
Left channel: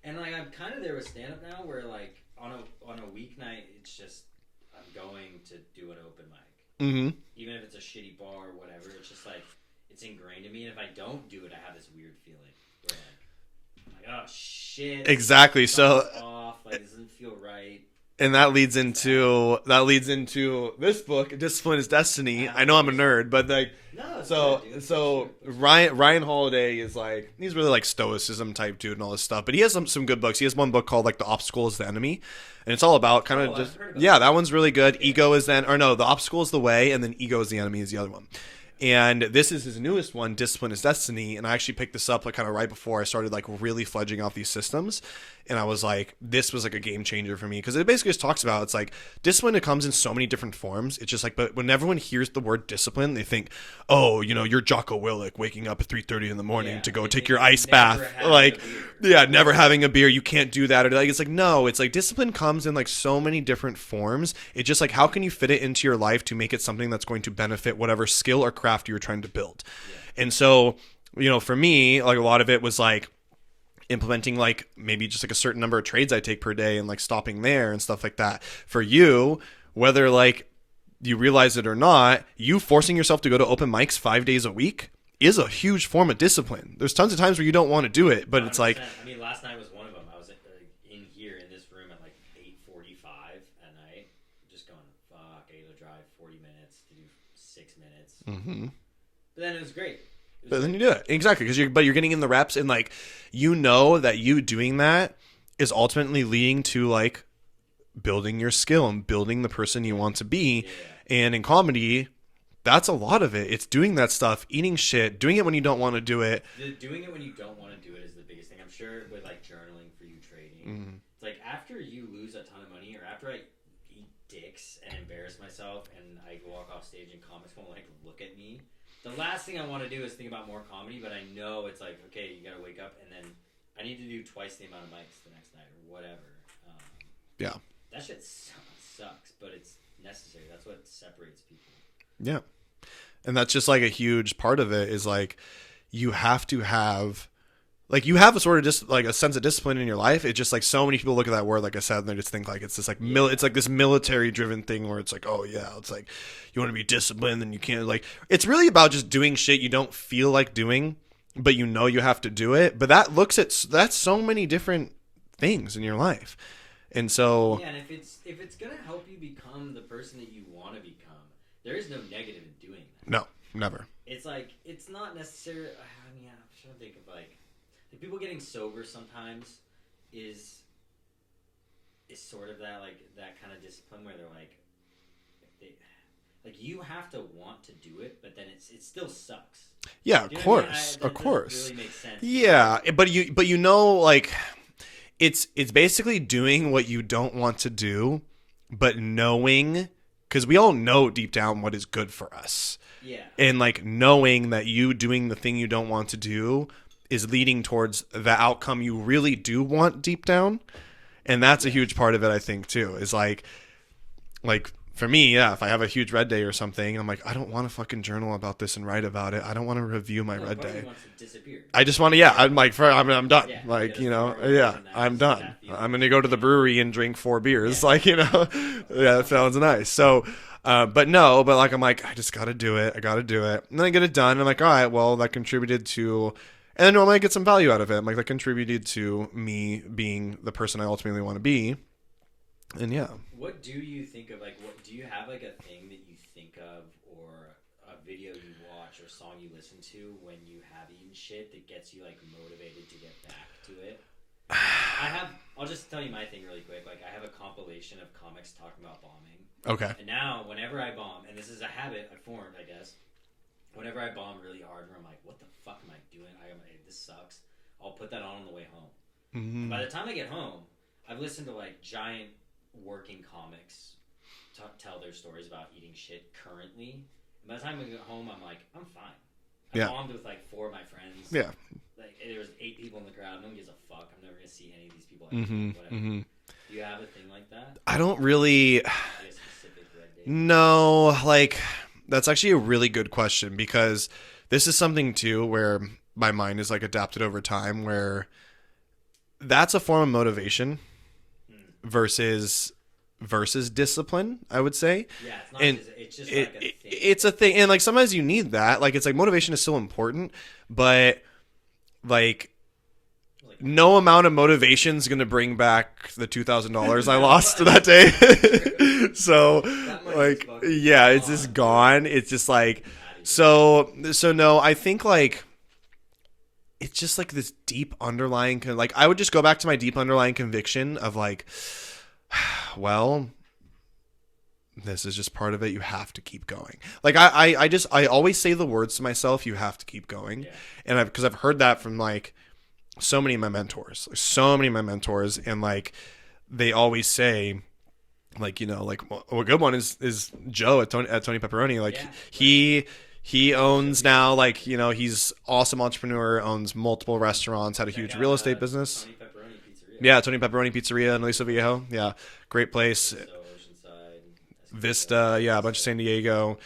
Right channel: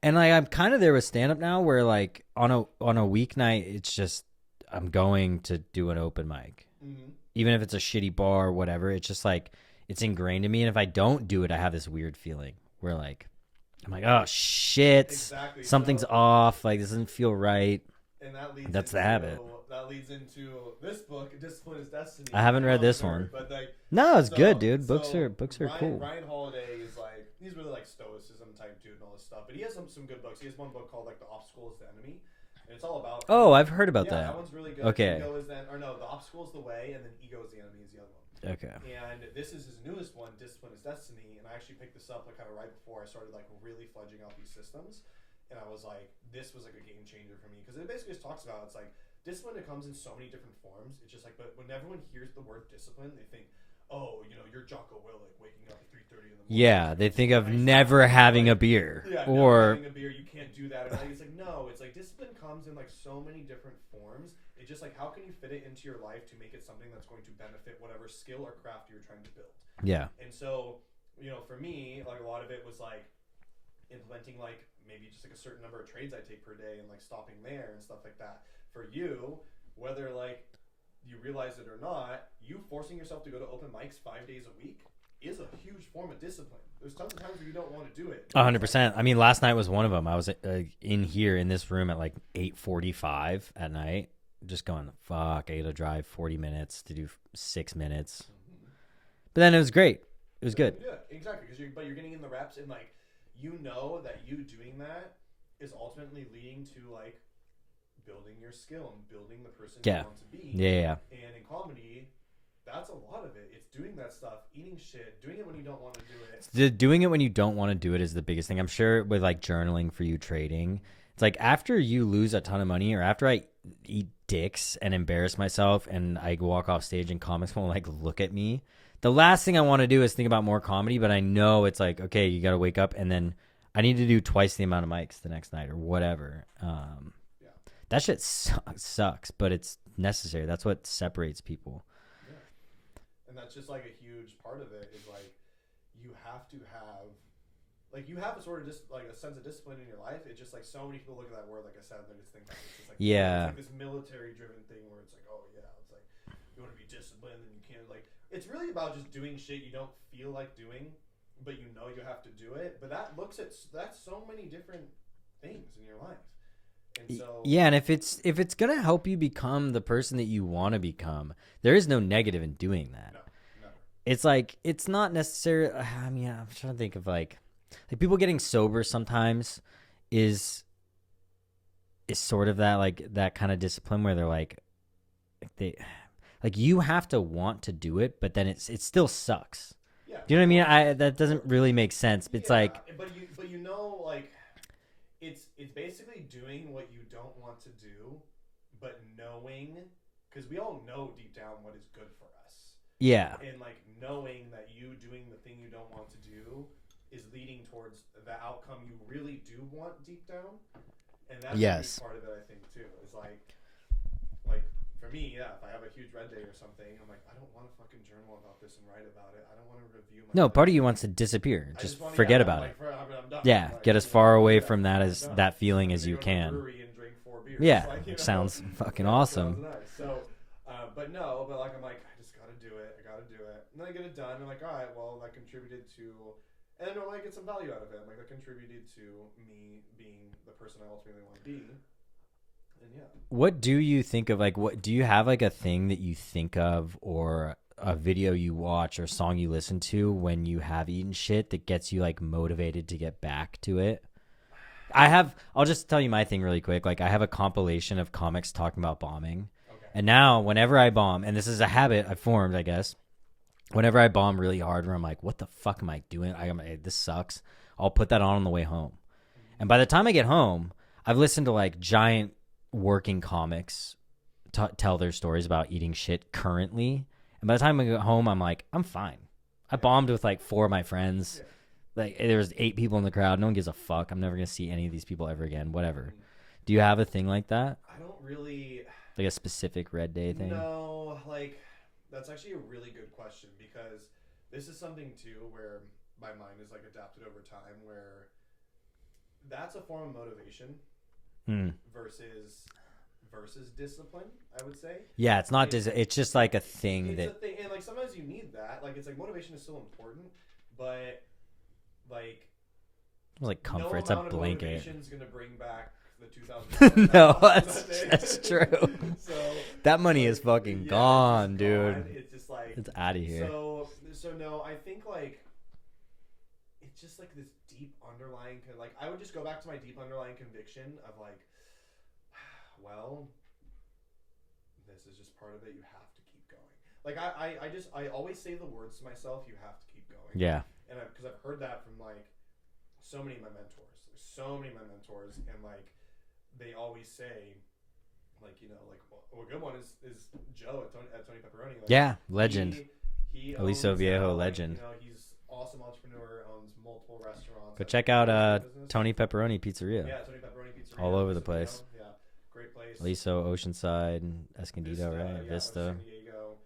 And like I'm kind of there with stand up now, where like on a weeknight, it's just I'm going to do an open mic, even if it's a shitty bar or whatever. It's just like it's ingrained in me, and if I don't do it, I have this weird feeling where like I'm like, oh shit, exactly, something's off. Like this doesn't feel right. And that leads into this book, Discipline is Destiny. I know I'm a nerd, but like no, it's good, dude. Books Ryan Holiday is like, he's really like stoicism type dude and all this stuff. But he has some good books. He has one book called like The Obstacle is the Enemy. And it's all about kind of. I've heard about that. Yeah, that one's really good. Okay. Ego is The Obstacle is the Way, and then Ego is the Enemy is the other one. Okay. And this is his newest one, Discipline is Destiny. And I actually picked this up like kind of right before I started like really fledging out these systems. And I was like, this was like a game changer for me, because it basically just talks about, it's like discipline, it comes in so many different forms. It's just like, but when everyone hears the word discipline, they think, oh, you know, you're Jocko Willink waking up at 3:30 in the morning to go take your ice bath. Never having a beer. Yeah, never having a beer. You can't do that. Or like, it's like, no, it's like discipline comes comes in like so many different forms. It's just like, how can you fit it into your life to make it something that's going to benefit whatever skill or craft you're trying to build? Yeah. And so, you know, for me, like a lot of it was like implementing like maybe just like a certain number of trades I take per day and like stopping there and stuff like that. For you, whether like you realize it or not, you forcing yourself to go to open mics 5 days a week is a huge form of discipline. There's tons of times where you don't want to do it, but 100%. It's like, I mean, last night was one of them. I was in here in this room at like 8:45 at night, just going, fuck, I got to drive 40 minutes to do 6 minutes. Mm-hmm. But then it was great. It was good. Then you do it. Exactly. But you're getting in the reps, and like, you know that you doing that is ultimately leading to like building your skill and building the person you want to be. Yeah. And in comedy, that's a lot of it. It's doing that stuff, eating shit, doing it when you don't want to do it. Doing it when you don't want to do it is the biggest thing. I'm sure with like journaling for you, trading, it's like after you lose a ton of money, or after I eat dicks and embarrass myself and I walk off stage and comics will like look at me, the last thing I want to do is think about more comedy. But I know it's like, okay, you got to wake up and then I need to do twice the amount of mics the next night or whatever. Yeah. That shit sucks, but it's necessary. That's what separates people. Yeah. And that's just like a huge part of it is like, you have to have, like, you have a sort of like a sense of discipline in your life. It's just like so many people look at that word, like I said, and they just think like it's this like, it's like this military driven thing where it's like, oh yeah, it's like you want to be disciplined and you can't, like, it's really about just doing shit you don't feel like doing, but you know you have to do it. But that's so many different things in your life. And so yeah, and if it's gonna help you become the person that you want to become, there is no negative in doing that. No, never. It's like, it's not necessary. I mean, I'm trying to think of like people getting sober sometimes is sort of that, like that kind of discipline where they're like you have to want to do it, but then it still sucks. Yeah, do you know what I mean? That doesn't really make sense. Yeah, like, but you know, like it's basically doing what you don't want to do, but knowing, because we all know deep down what is good for us. Yeah. And like knowing that you doing the thing you don't want to do is leading towards the outcome you really do want deep down. And that's a huge part of it, I think, too, is like for me, yeah, if I have a huge red day or something, I'm like, I don't want to fucking journal about this and write about it. I don't want to review my red part day. of you wants to disappear. I just want to, I'm like, I'm done. Yeah, like, get as far away from that. I'm done. That feeling. I'm going to go to the brewery and drink 4 beers. Yeah, like, you know, awesome. It sounds nice. So, but like, I'm like, I just got to do it. I got to do it. And then I get it done. And I'm like, all right, well, that contributed to, and then normally I get some value out of it. I'm like, that contributed to me being the person I ultimately want to be. And yeah. What do you think of, like, what do you have, like, a thing that you think of, or a video you watch or song you listen to when you have eaten shit that gets you, like, motivated to get back to it? I'll just tell you my thing really quick. Like, I have a compilation of comics talking about bombing. Okay. And now whenever I bomb, and this is a habit I've formed, I guess, whenever I bomb really hard where I'm like, what the fuck am I doing? This sucks. I'll put that on the way home. Mm-hmm. And by the time I get home, I've listened to, like, giant working comics tell their stories about eating shit currently. And by the time I get home, I'm like, I'm fine. I bombed with like 4 of my friends. Yeah. Like, there was 8 people in the crowd. No one gives a fuck. I'm never going to see any of these people ever again. Whatever. Mm-hmm. Do you have a thing like that? I don't really. Like a specific red day thing? No, like, that's actually a really good question, because this is something too where my mind is like adapted over time, where that's a form of motivation versus discipline, I would say. Yeah, it's not just, it's just like a thing. It's a thing. And like sometimes you need that. Like, it's like motivation is still important, but like no amount of motivation is going to bring back the $2,000 I lost that day. So that money is fucking gone, it's just gone. Dude. It's just like, it's out of here. So no, I think like it's just like this deep underlying, like, I would just go back to my deep underlying conviction of like, well, this is just part of it. You have to keep going. Like, I always say the words to myself, you have to keep going. Yeah. And because I've heard that from like so many of my mentors, and like they always say, like, you know, like a good one is Joe at Tony Pepperoni. Like, He owns now, like, he's awesome entrepreneur, owns multiple restaurants, had a huge real estate business. Tony Pepperoni Pizzeria. Yeah, Tony Pepperoni Pizzeria in Aliso Viejo. Yeah, great place. Aliso, Oceanside, Escondido, Vista, a bunch of San Diego.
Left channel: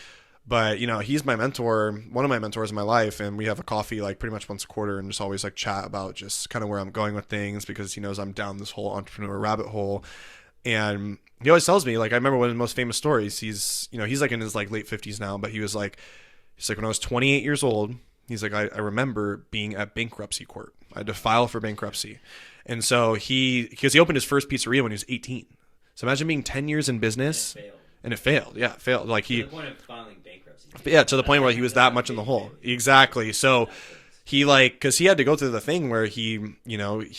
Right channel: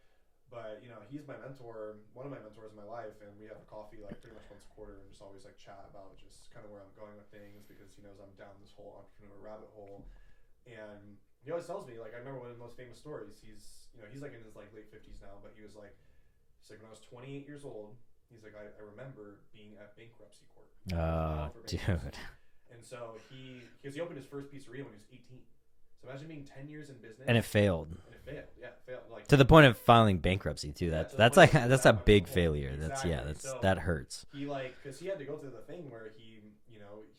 But, he's my mentor, one of my mentors in my life, and we have a coffee, like, pretty much once a quarter and just always, like, chat about just kind of where I'm going with things because he knows I'm down this whole entrepreneur rabbit hole. And he always tells me, like, I remember one of the most famous stories. He's like in his, like, late 50s now, but he's like, when I was 28 years old, he's like, I remember being at bankruptcy court. I had to file for bankruptcy. Dude. And so because he opened his first pizzeria when he was 18. So imagine being 10 years in business. And it failed. Yeah, it failed. Like to the point of filing bankruptcy, too. Yeah, to the point where he was that much in the hole. Failure. Exactly. Yeah, so that hurts. He because he had to go through the thing where he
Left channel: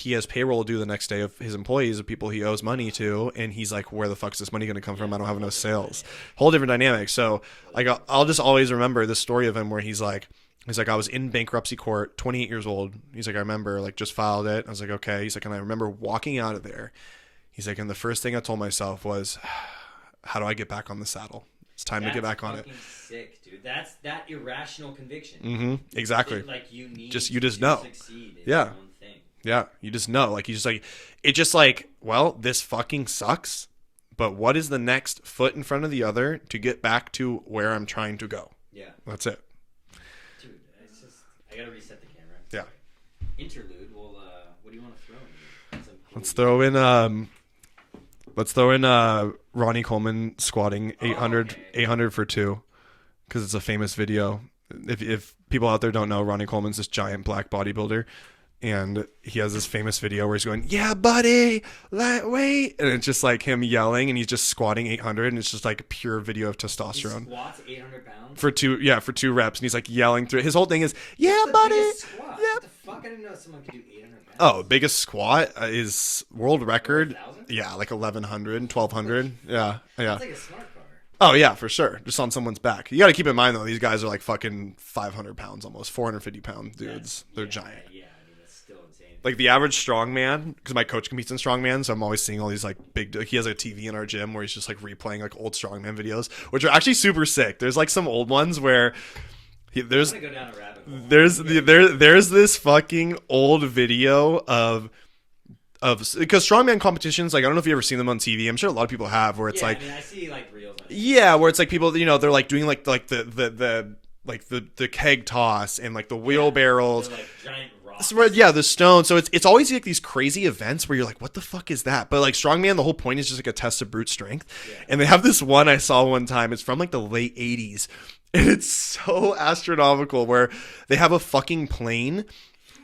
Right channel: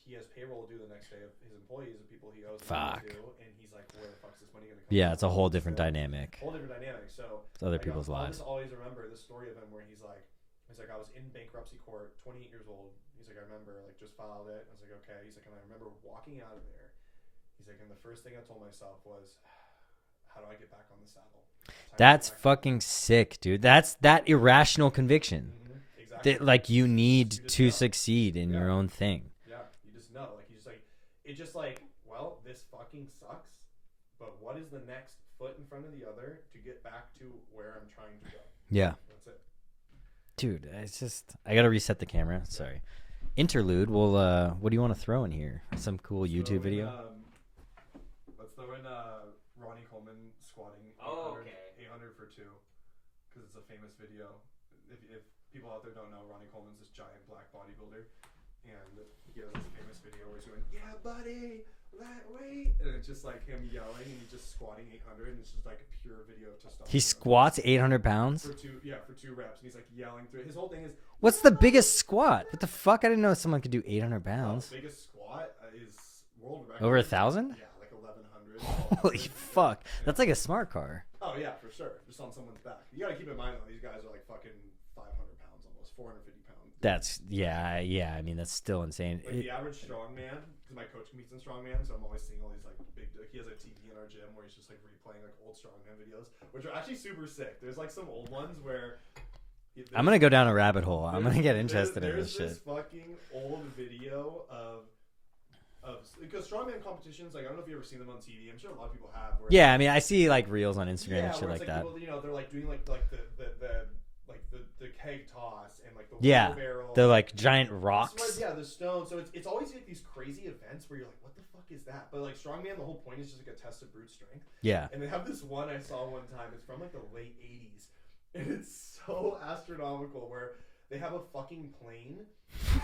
has payroll due the next day of his employees, of people he owes money to. And he's like, where the fuck's this money going to come from? I don't have enough sales. Whole different dynamic. So like, I'll just always remember this story of him where he's like, I was in bankruptcy court, 28 years old. He's like, I remember, like, just filed it. I was like, okay. He's like, and I remember walking out of there. He's like, and the first thing I told myself was, how do I get back on the saddle? It's time to get back on it. That's fucking sick, dude. That's that irrational conviction. Mm-hmm. Exactly. Like, you need to succeed in your own thing. Yeah. You just know. Like, it's just like, well, this fucking sucks, but what is the next foot in front of the other to get back to where I'm trying to go? Yeah. That's it. Dude, it's just, I got to reset the camera. Sorry. Yeah. Interlude. Well, what do you want to throw in here? Some cool Let's throw in Ronny Coleman squatting 800 for 2 because it's a famous video. If people out there don't know, Ronny Coleman's this giant black bodybuilder, and he has this famous video where he's going, yeah, buddy, wait. And it's just like him yelling, and he's just squatting 800, and it's just like a pure video of testosterone. He squats 800 pounds? For 2 reps, and he's like yelling through it. His whole thing is, what's the buddy? biggest squat? Yeah. What the fuck? I didn't know someone could do 800 pounds. Oh, biggest squat is world record. Over 1,000? Yeah, like 1,100, 1,200. Yeah. That's like a smart car. Oh, yeah, for sure. Just on someone's back. You got to keep in mind, though, these guys are like fucking 500 pounds almost, 450 pound dudes. They're giant. Yeah. I mean, that's still insane. Like the average strongman, because my coach competes in strongman, so I'm always seeing all these like big, he has a TV in our gym where he's just like replaying like old strongman videos, which are actually super sick. There's like some old ones where I'm going to go down a rabbit hole. There's this fucking old video of because strongman competitions, like, I don't know if you ever seen them on TV. I'm sure a lot of people have. Where it's I mean, I see like reels on Instagram. Yeah, where it's like people, they're like doing like the keg toss and like the wheelbarrows. They're like giant rocks. Yeah, the stone. So it's always like these crazy events where you're like, what the fuck is that? But like strongman, the whole point is just like a test of brute strength. Yeah. And they have this one I saw one time. It's from like the late 80s. And it's so astronomical where they have a fucking plane.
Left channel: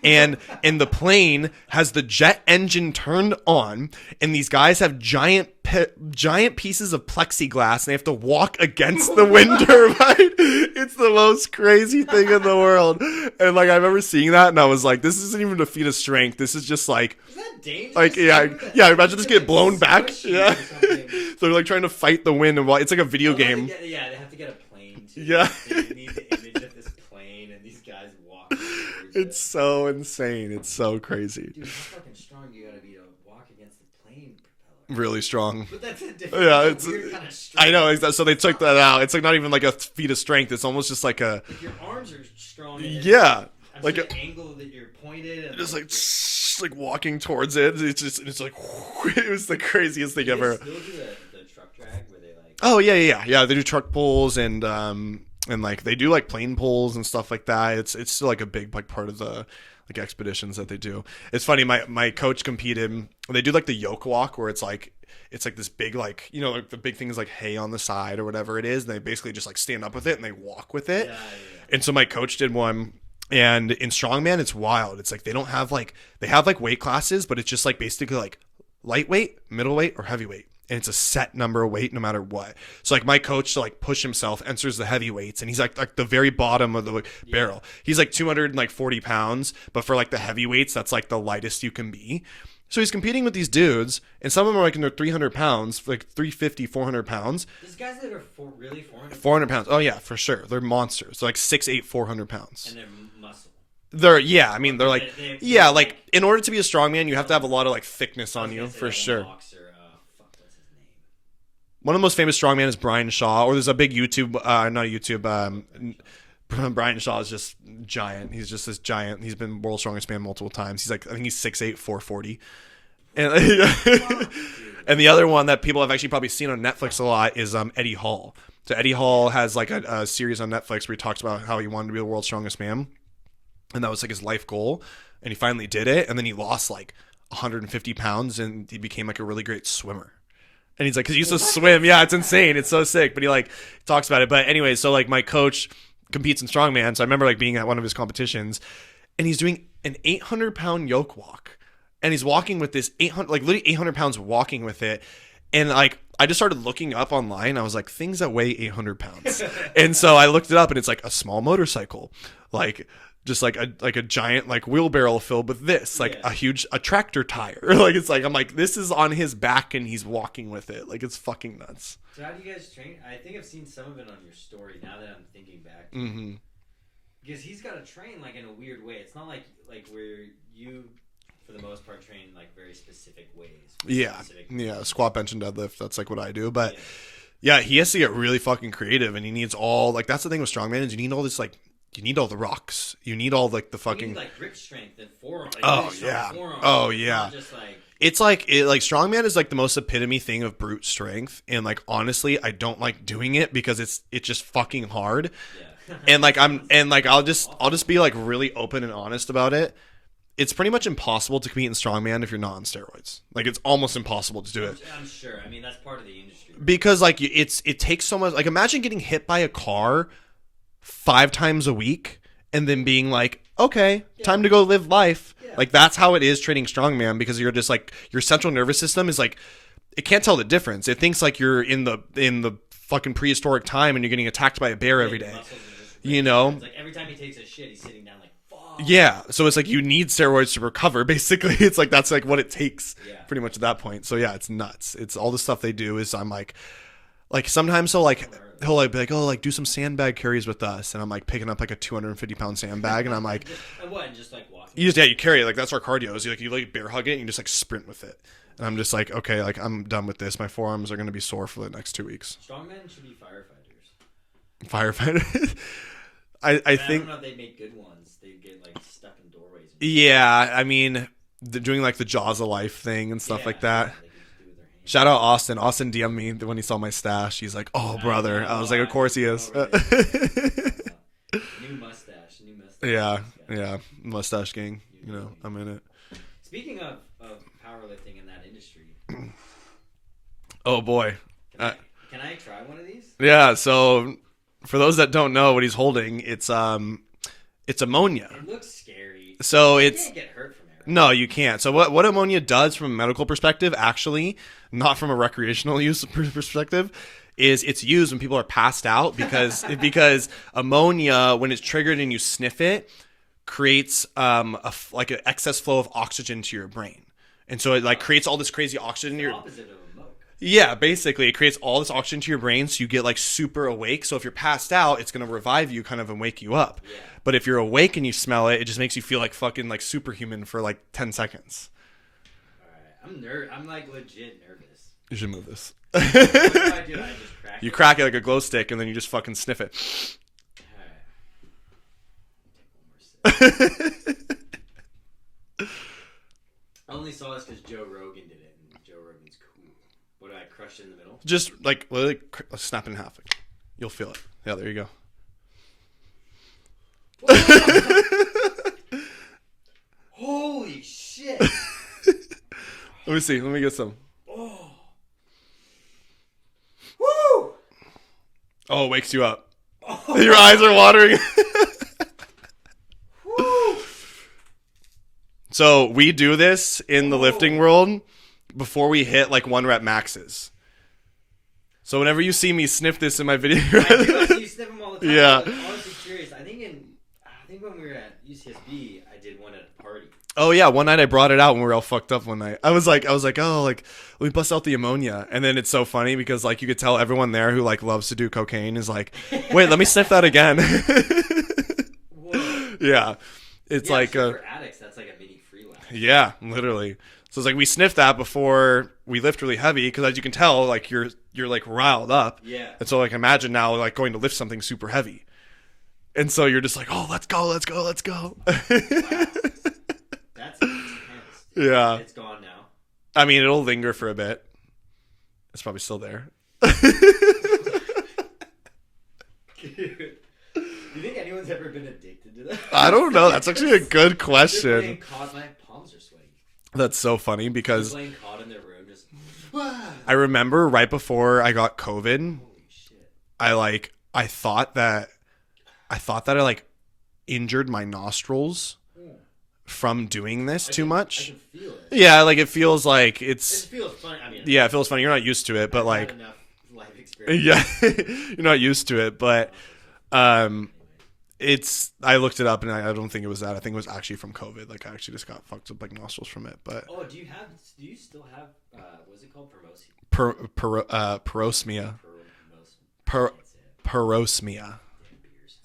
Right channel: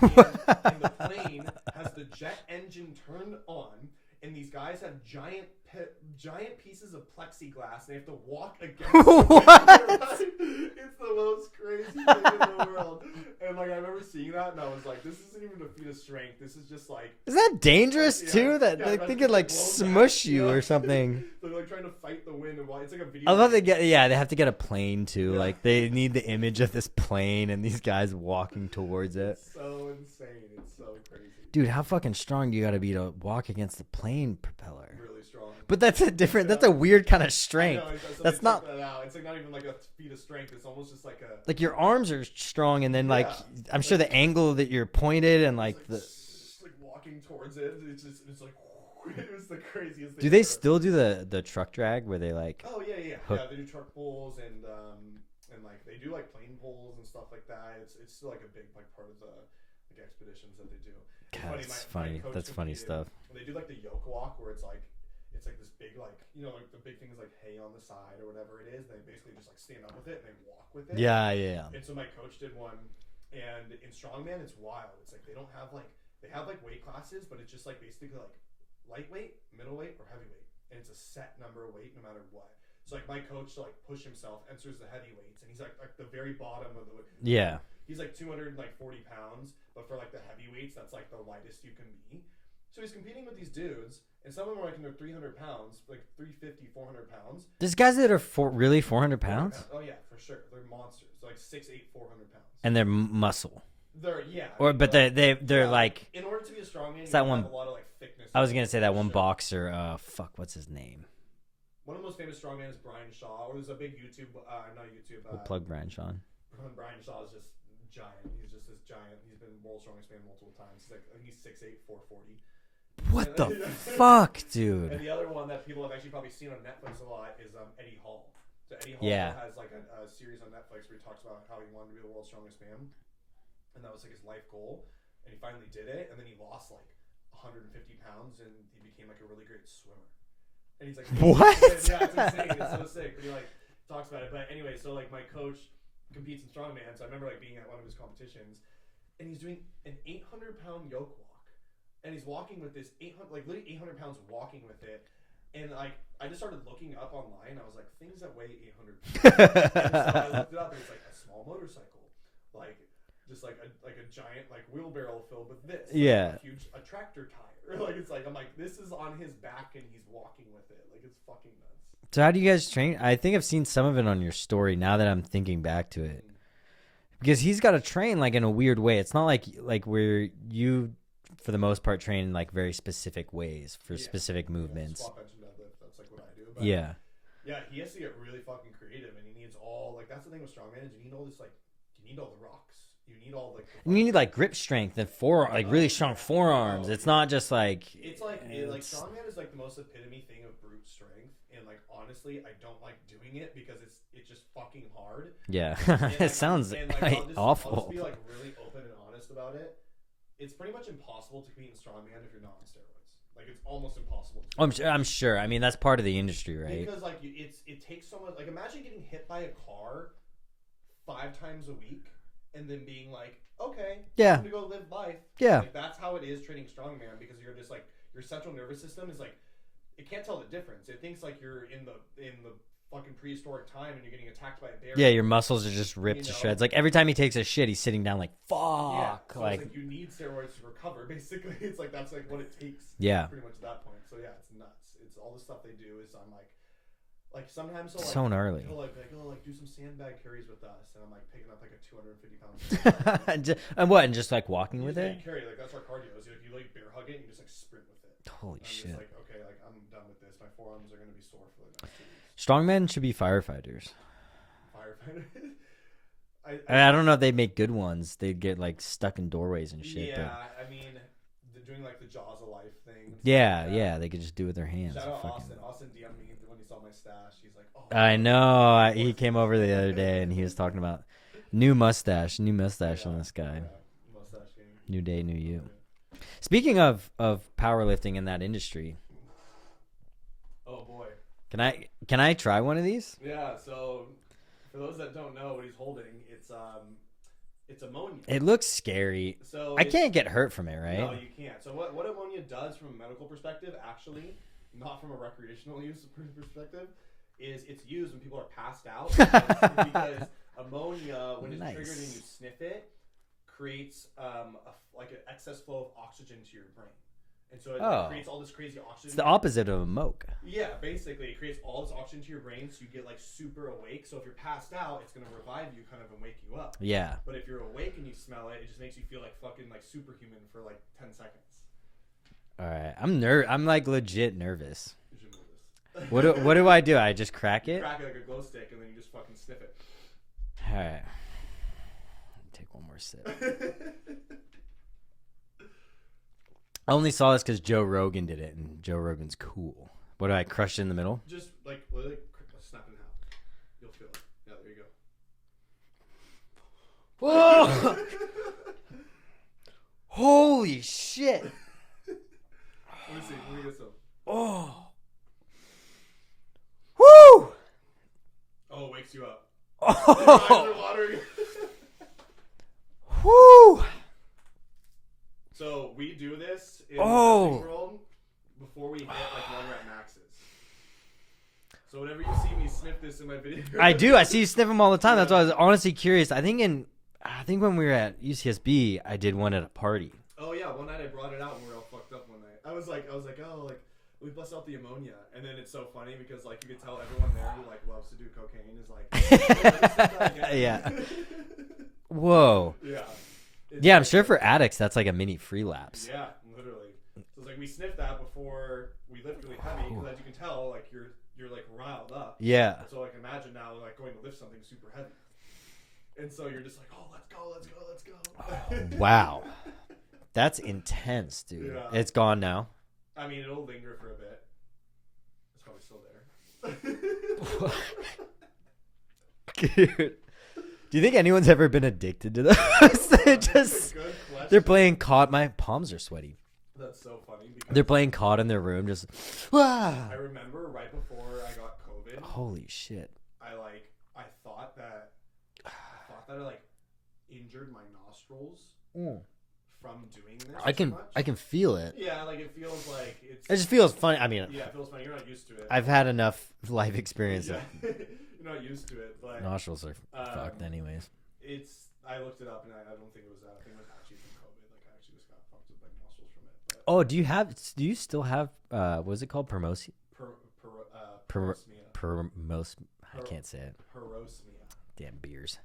And the plane has the jet engine turned on, and these guys have giant pieces of plexiglass, and they have to walk against the wind turbine. It's the most crazy thing in the world. And like, I remember seeing that, and I was like, this isn't even a feat of strength. This is just like, is that dangerous? Like, yeah. Imagine just get blown back or something. So they're like trying to fight the wind, and it's like a video game. They have to get a plane too. Yeah. Like, they need the image of this plane and these guys walking towards it. It's so insane. It's so crazy. Dude, how fucking strong do you got to be to walk against the plane propeller? Really strong. But that's a different, that's a weird kind of strength. I know. So they took that out. It's like not even like a feat of strength. It's almost just like a... Like your arms are strong, and then I'm like sure the angle that you're pointed and it's like walking towards it. It's like, it was the craziest thing ever. Do they still do the truck drag where they like... Oh, yeah. They do truck pulls and like they do like plane pulls and stuff like that. It's still like a big like part of the like expeditions that they do. It's funny. My coach competed. They do like the yoke walk where it's like this big like like the big thing is like hay on the side or whatever it is. And they basically just like stand up with it and they walk with it. Yeah. And so my coach did one. And in strongman, it's wild. It's like they have like weight classes, but it's just like basically like lightweight, middleweight, or heavyweight. And it's a set number of weight no matter what. So like my coach to like push himself enters the heavyweights, and he's like the very bottom of the barrel. He's like 240 pounds, but for like the heavyweights, that's like the lightest you can be. So he's competing with these dudes, and some of them are like in their 300 pounds, like 350, 400 pounds. There's guys that are really 400 pounds? 400 pounds. Oh yeah, for sure. They're monsters. They're like 6'8", 400 pounds. And they're muscle. They're like in order to be a strongman, you have to have a lot of like thickness. I was gonna say that one boxer. What's his name? One of the most famous strongman is Brian Shaw, or there's a big YouTube, not YouTube. Brian Shaw. Brian Shaw is just giant. He's just this giant. He's been world's strongest man multiple times. He's like, I think he's 6'8", 440. What the fuck, dude? And the other one that people have actually probably seen on Netflix a lot is Eddie Hall. So Eddie Hall has like a series on Netflix where he talks about how he wanted to be the world's strongest man, and that was like his life goal, and he finally did it, and then he lost like 150 pounds, and he became like a really great swimmer. And he's like, because he used to swim. Yeah, it's insane. It's so sick. But he like talks about it. But anyway, so like my coach competes in strongman, so I remember like being at one of his competitions, and he's doing an 800-pound yoke walk, and he's walking with this 800, like literally 800 pounds walking with it. And like I just started looking up online. I was like, things that weigh 800 pounds. And so I looked it up, and it's like a small motorcycle, like just like a giant like wheelbarrow filled with this, like a tractor tire. Like it's like, I'm like, this is on his back and he's walking with it. Like it's fucking nuts. So how do you guys train? I think I've seen some of it on your story now that I'm thinking back to it. Because he's got to train like in a weird way. It's not like where you, for the most part, train in like very specific ways. Specific movements. Yeah, squat, bench, and deadlift. That's like what I do. But yeah, he has to get really fucking creative, and he needs all, like, that's the thing with strongman is you need all this, like, you need all the rocks. You need all like the fucking. You need like grip strength and forearm, like really strong forearm. Oh it's not just like. It's like strongman is like the most epitome thing of brute strength, and like honestly, I don't like doing it because it's just fucking hard. Yeah. And like I'll just be like really open and honest about it. It's pretty much impossible to compete in strongman if you're not on steroids. Like it's almost impossible to do it. I'm sure. I mean, that's part of the industry, right? Because like it takes so much. Like imagine getting hit by a car 5 times a week and then being like, okay, time to go live life. Yeah. Like that's how it is training strongman, because you're just like, your central nervous system is like, it can't tell the difference. It thinks like you're in the fucking prehistoric time and you're getting attacked by a bear. Yeah, your muscles are just ripped. You know, it's like every time he takes a shit, he's sitting down like, fuck. Yeah. So it's like you need steroids to recover. Basically, it's like that's like what it takes. Yeah. Pretty much at that point. So yeah, it's nuts. It's all the stuff they do is I'm like sometimes he'll like be like, oh, like do some sandbag carries with us, and I'm like picking up like a 250-pound sandbag, and I'm like, and just like walking. You carry it, like that's our cardio. Is you like bear hug it and you just like sprint with it. And I'm just like, okay, like I'm done with this. My forearms are gonna be sore for the next 2 weeks. Strongmen should be firefighters. I don't know if they make good ones. They'd get like stuck in doorways and shit. Yeah, I mean, doing like the Jaws of Life thing and stuff like that. Yeah, they could just do it with their hands. Shout out Austin. Austin DM'd me when he saw my stash. He's like, "Oh, brother!" I was like, "Of course he is." Over the other day and he was talking about new mustache. Yeah, mustache gang. New day, new you. I'm in it. Speaking of powerlifting in that industry, oh boy, can I try one of these? Yeah. So for those that don't know what he's holding, it's ammonia. It looks scary. So I can't get hurt from it, right? No, you can't. So what ammonia does from a medical perspective, actually, not from a recreational use perspective, is it's used when people are passed out because ammonia, when it's triggered and you sniff it, creates like an excess flow of oxygen to your brain. And so it like creates all this crazy oxygen. It's the opposite of a moke. Yeah, basically. It creates all this oxygen to your brain, so you get like super awake. So if you're passed out, it's going to revive you kind of and wake you up. Yeah. But if you're awake and you smell it, it just makes you feel like fucking like superhuman for like 10 seconds. All right. I'm like legit nervous. You should move this. What do I do? I just crack it? You crack it like a glow stick and then you just fucking sniff it. All right. Take one more sip. I only saw this because Joe Rogan did it, and Joe Rogan's cool. What do I crush it in the middle? Just like literally snap it in half. You'll feel it. Yeah, there you go. Holy shit! Let me see. Let me get some. Oh. Woo! Oh, it wakes you up. Oh. Your eyes are watering. Woo! So we do this in the lifting world before we hit like 1 rep maxes. So whenever you see me sniff this in my video, I do. I see you sniff them all the time. Yeah. I was honestly curious. I think when we were at UCSB, I did one at a party. Oh yeah, one night I brought it out when we were all fucked up. One night I was like, oh, like let me bust out the ammonia, and then it's so funny because like you could tell everyone there who like loves to do cocaine is like, wait, let me sniff that again. Whoa. Yeah. It's I'm sure for addicts that's like a mini free lax. Yeah, literally. So it's like we sniff that before we lift really heavy because as you can tell, like you're like riled up. Yeah. And so like imagine now like going to lift something super heavy. And so you're just like, oh, let's go. Wow. That's intense, dude. Yeah. It's gone now. I mean, it'll linger for a bit. It's probably still there. Dude. Do you think anyone's ever been addicted to that? I don't know. That's actually a good question. They're playing COD. My palms are sweaty. That's so funny because they're playing COD in their room. Just. I remember right before I got COVID. Holy shit! I thought that I like injured my nostrils from doing this too much. I can feel it. Yeah, like it feels like It just feels funny. I mean, yeah, it feels funny. You're not used to it, but I've like had enough life experience. Yeah, you're not used to it, but nostrils are anyways. I looked it up and I don't think it was that. I think it was actually from COVID. Like I actually just got fucked up like nostrils from it. But do you still have what was it called? Parosmia. I can't say it. Parosmia. Damn beers.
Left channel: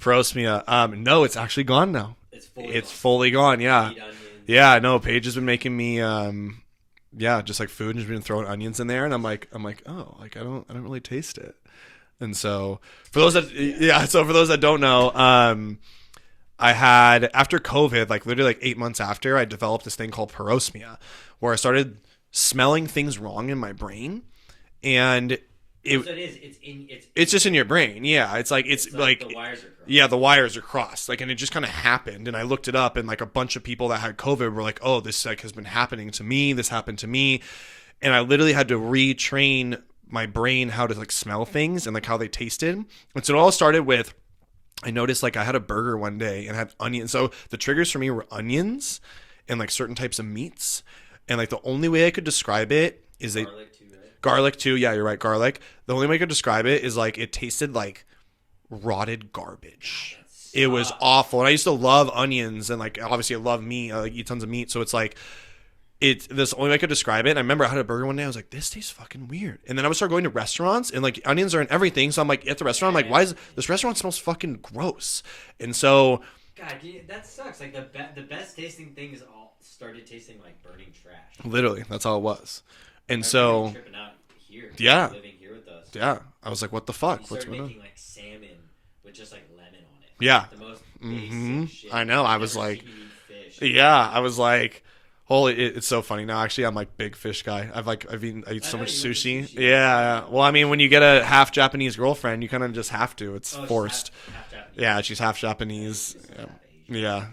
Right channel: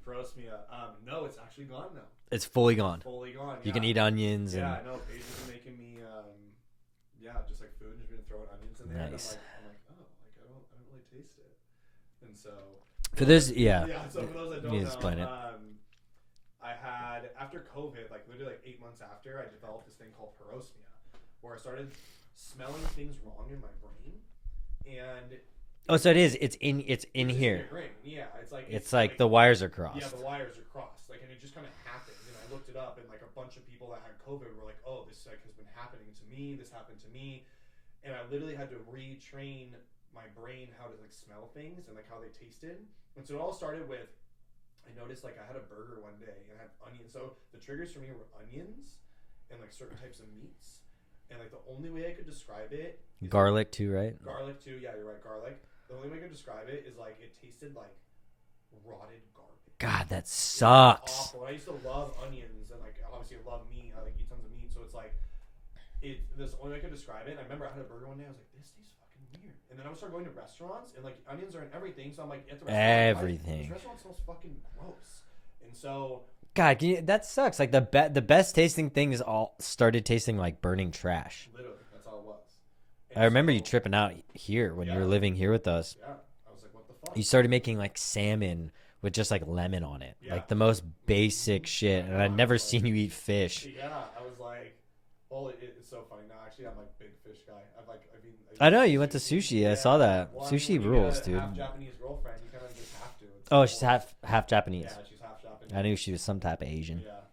Parosmia. No, it's actually gone now. It's fully gone. Yeah. You eat onions. Yeah, no, Paige has been making me just like food and she's been throwing onions in there and I'm like, oh, like I don't really taste it. And so for those that don't know, I had after COVID, like literally like 8 months after, I developed this thing called parosmia where I started smelling things wrong in my brain. And it's just in your brain. Yeah. It's like the wires are crossed. Yeah, the wires are crossed. Like, and it just kind of happened. And I looked it up and like a bunch of people that had COVID were like, oh, this like has been happening to me. This happened to me. And I literally had to retrain my brain how to like smell things and like how they tasted. And so it all started with, I noticed like I had a burger one day and had onions. So the triggers for me were onions and like certain types of meats. And like the only way I could describe it is garlic too, right? Garlic too. Yeah, you're right. Garlic. The only way I could describe it is like it tasted like rotted garbage. God, that sucks. It was awful. And I used to love onions and like obviously I love meat. I like eat tons of meat. So it's like this the only way I could describe it. And I remember I had a burger one day. I was like, this tastes fucking weird. And then I would start going to restaurants and like onions are in everything. So I'm like at the restaurant, I'm like, why is this restaurant smells fucking gross? And so God, that sucks. Like the best tasting things all started tasting like burning trash. Literally, that's all it was. And I remember you tripping out here when you were living here with us. Yeah, I was like, what the fuck? You started making like salmon with just like lemon on it. Yeah, like the most basic shit. I know. I've never seen you eat fish. Yeah, I was like, holy, it's so funny. Now, actually, I'm like big fish guy. I eat so much you sushi. went to sushi. Yeah. Well, I mean, when you get a half Japanese girlfriend, you kind of just have to. It's forced. She's half Japanese. Yeah, she's half Japanese. I knew she was some type of Asian. Yeah.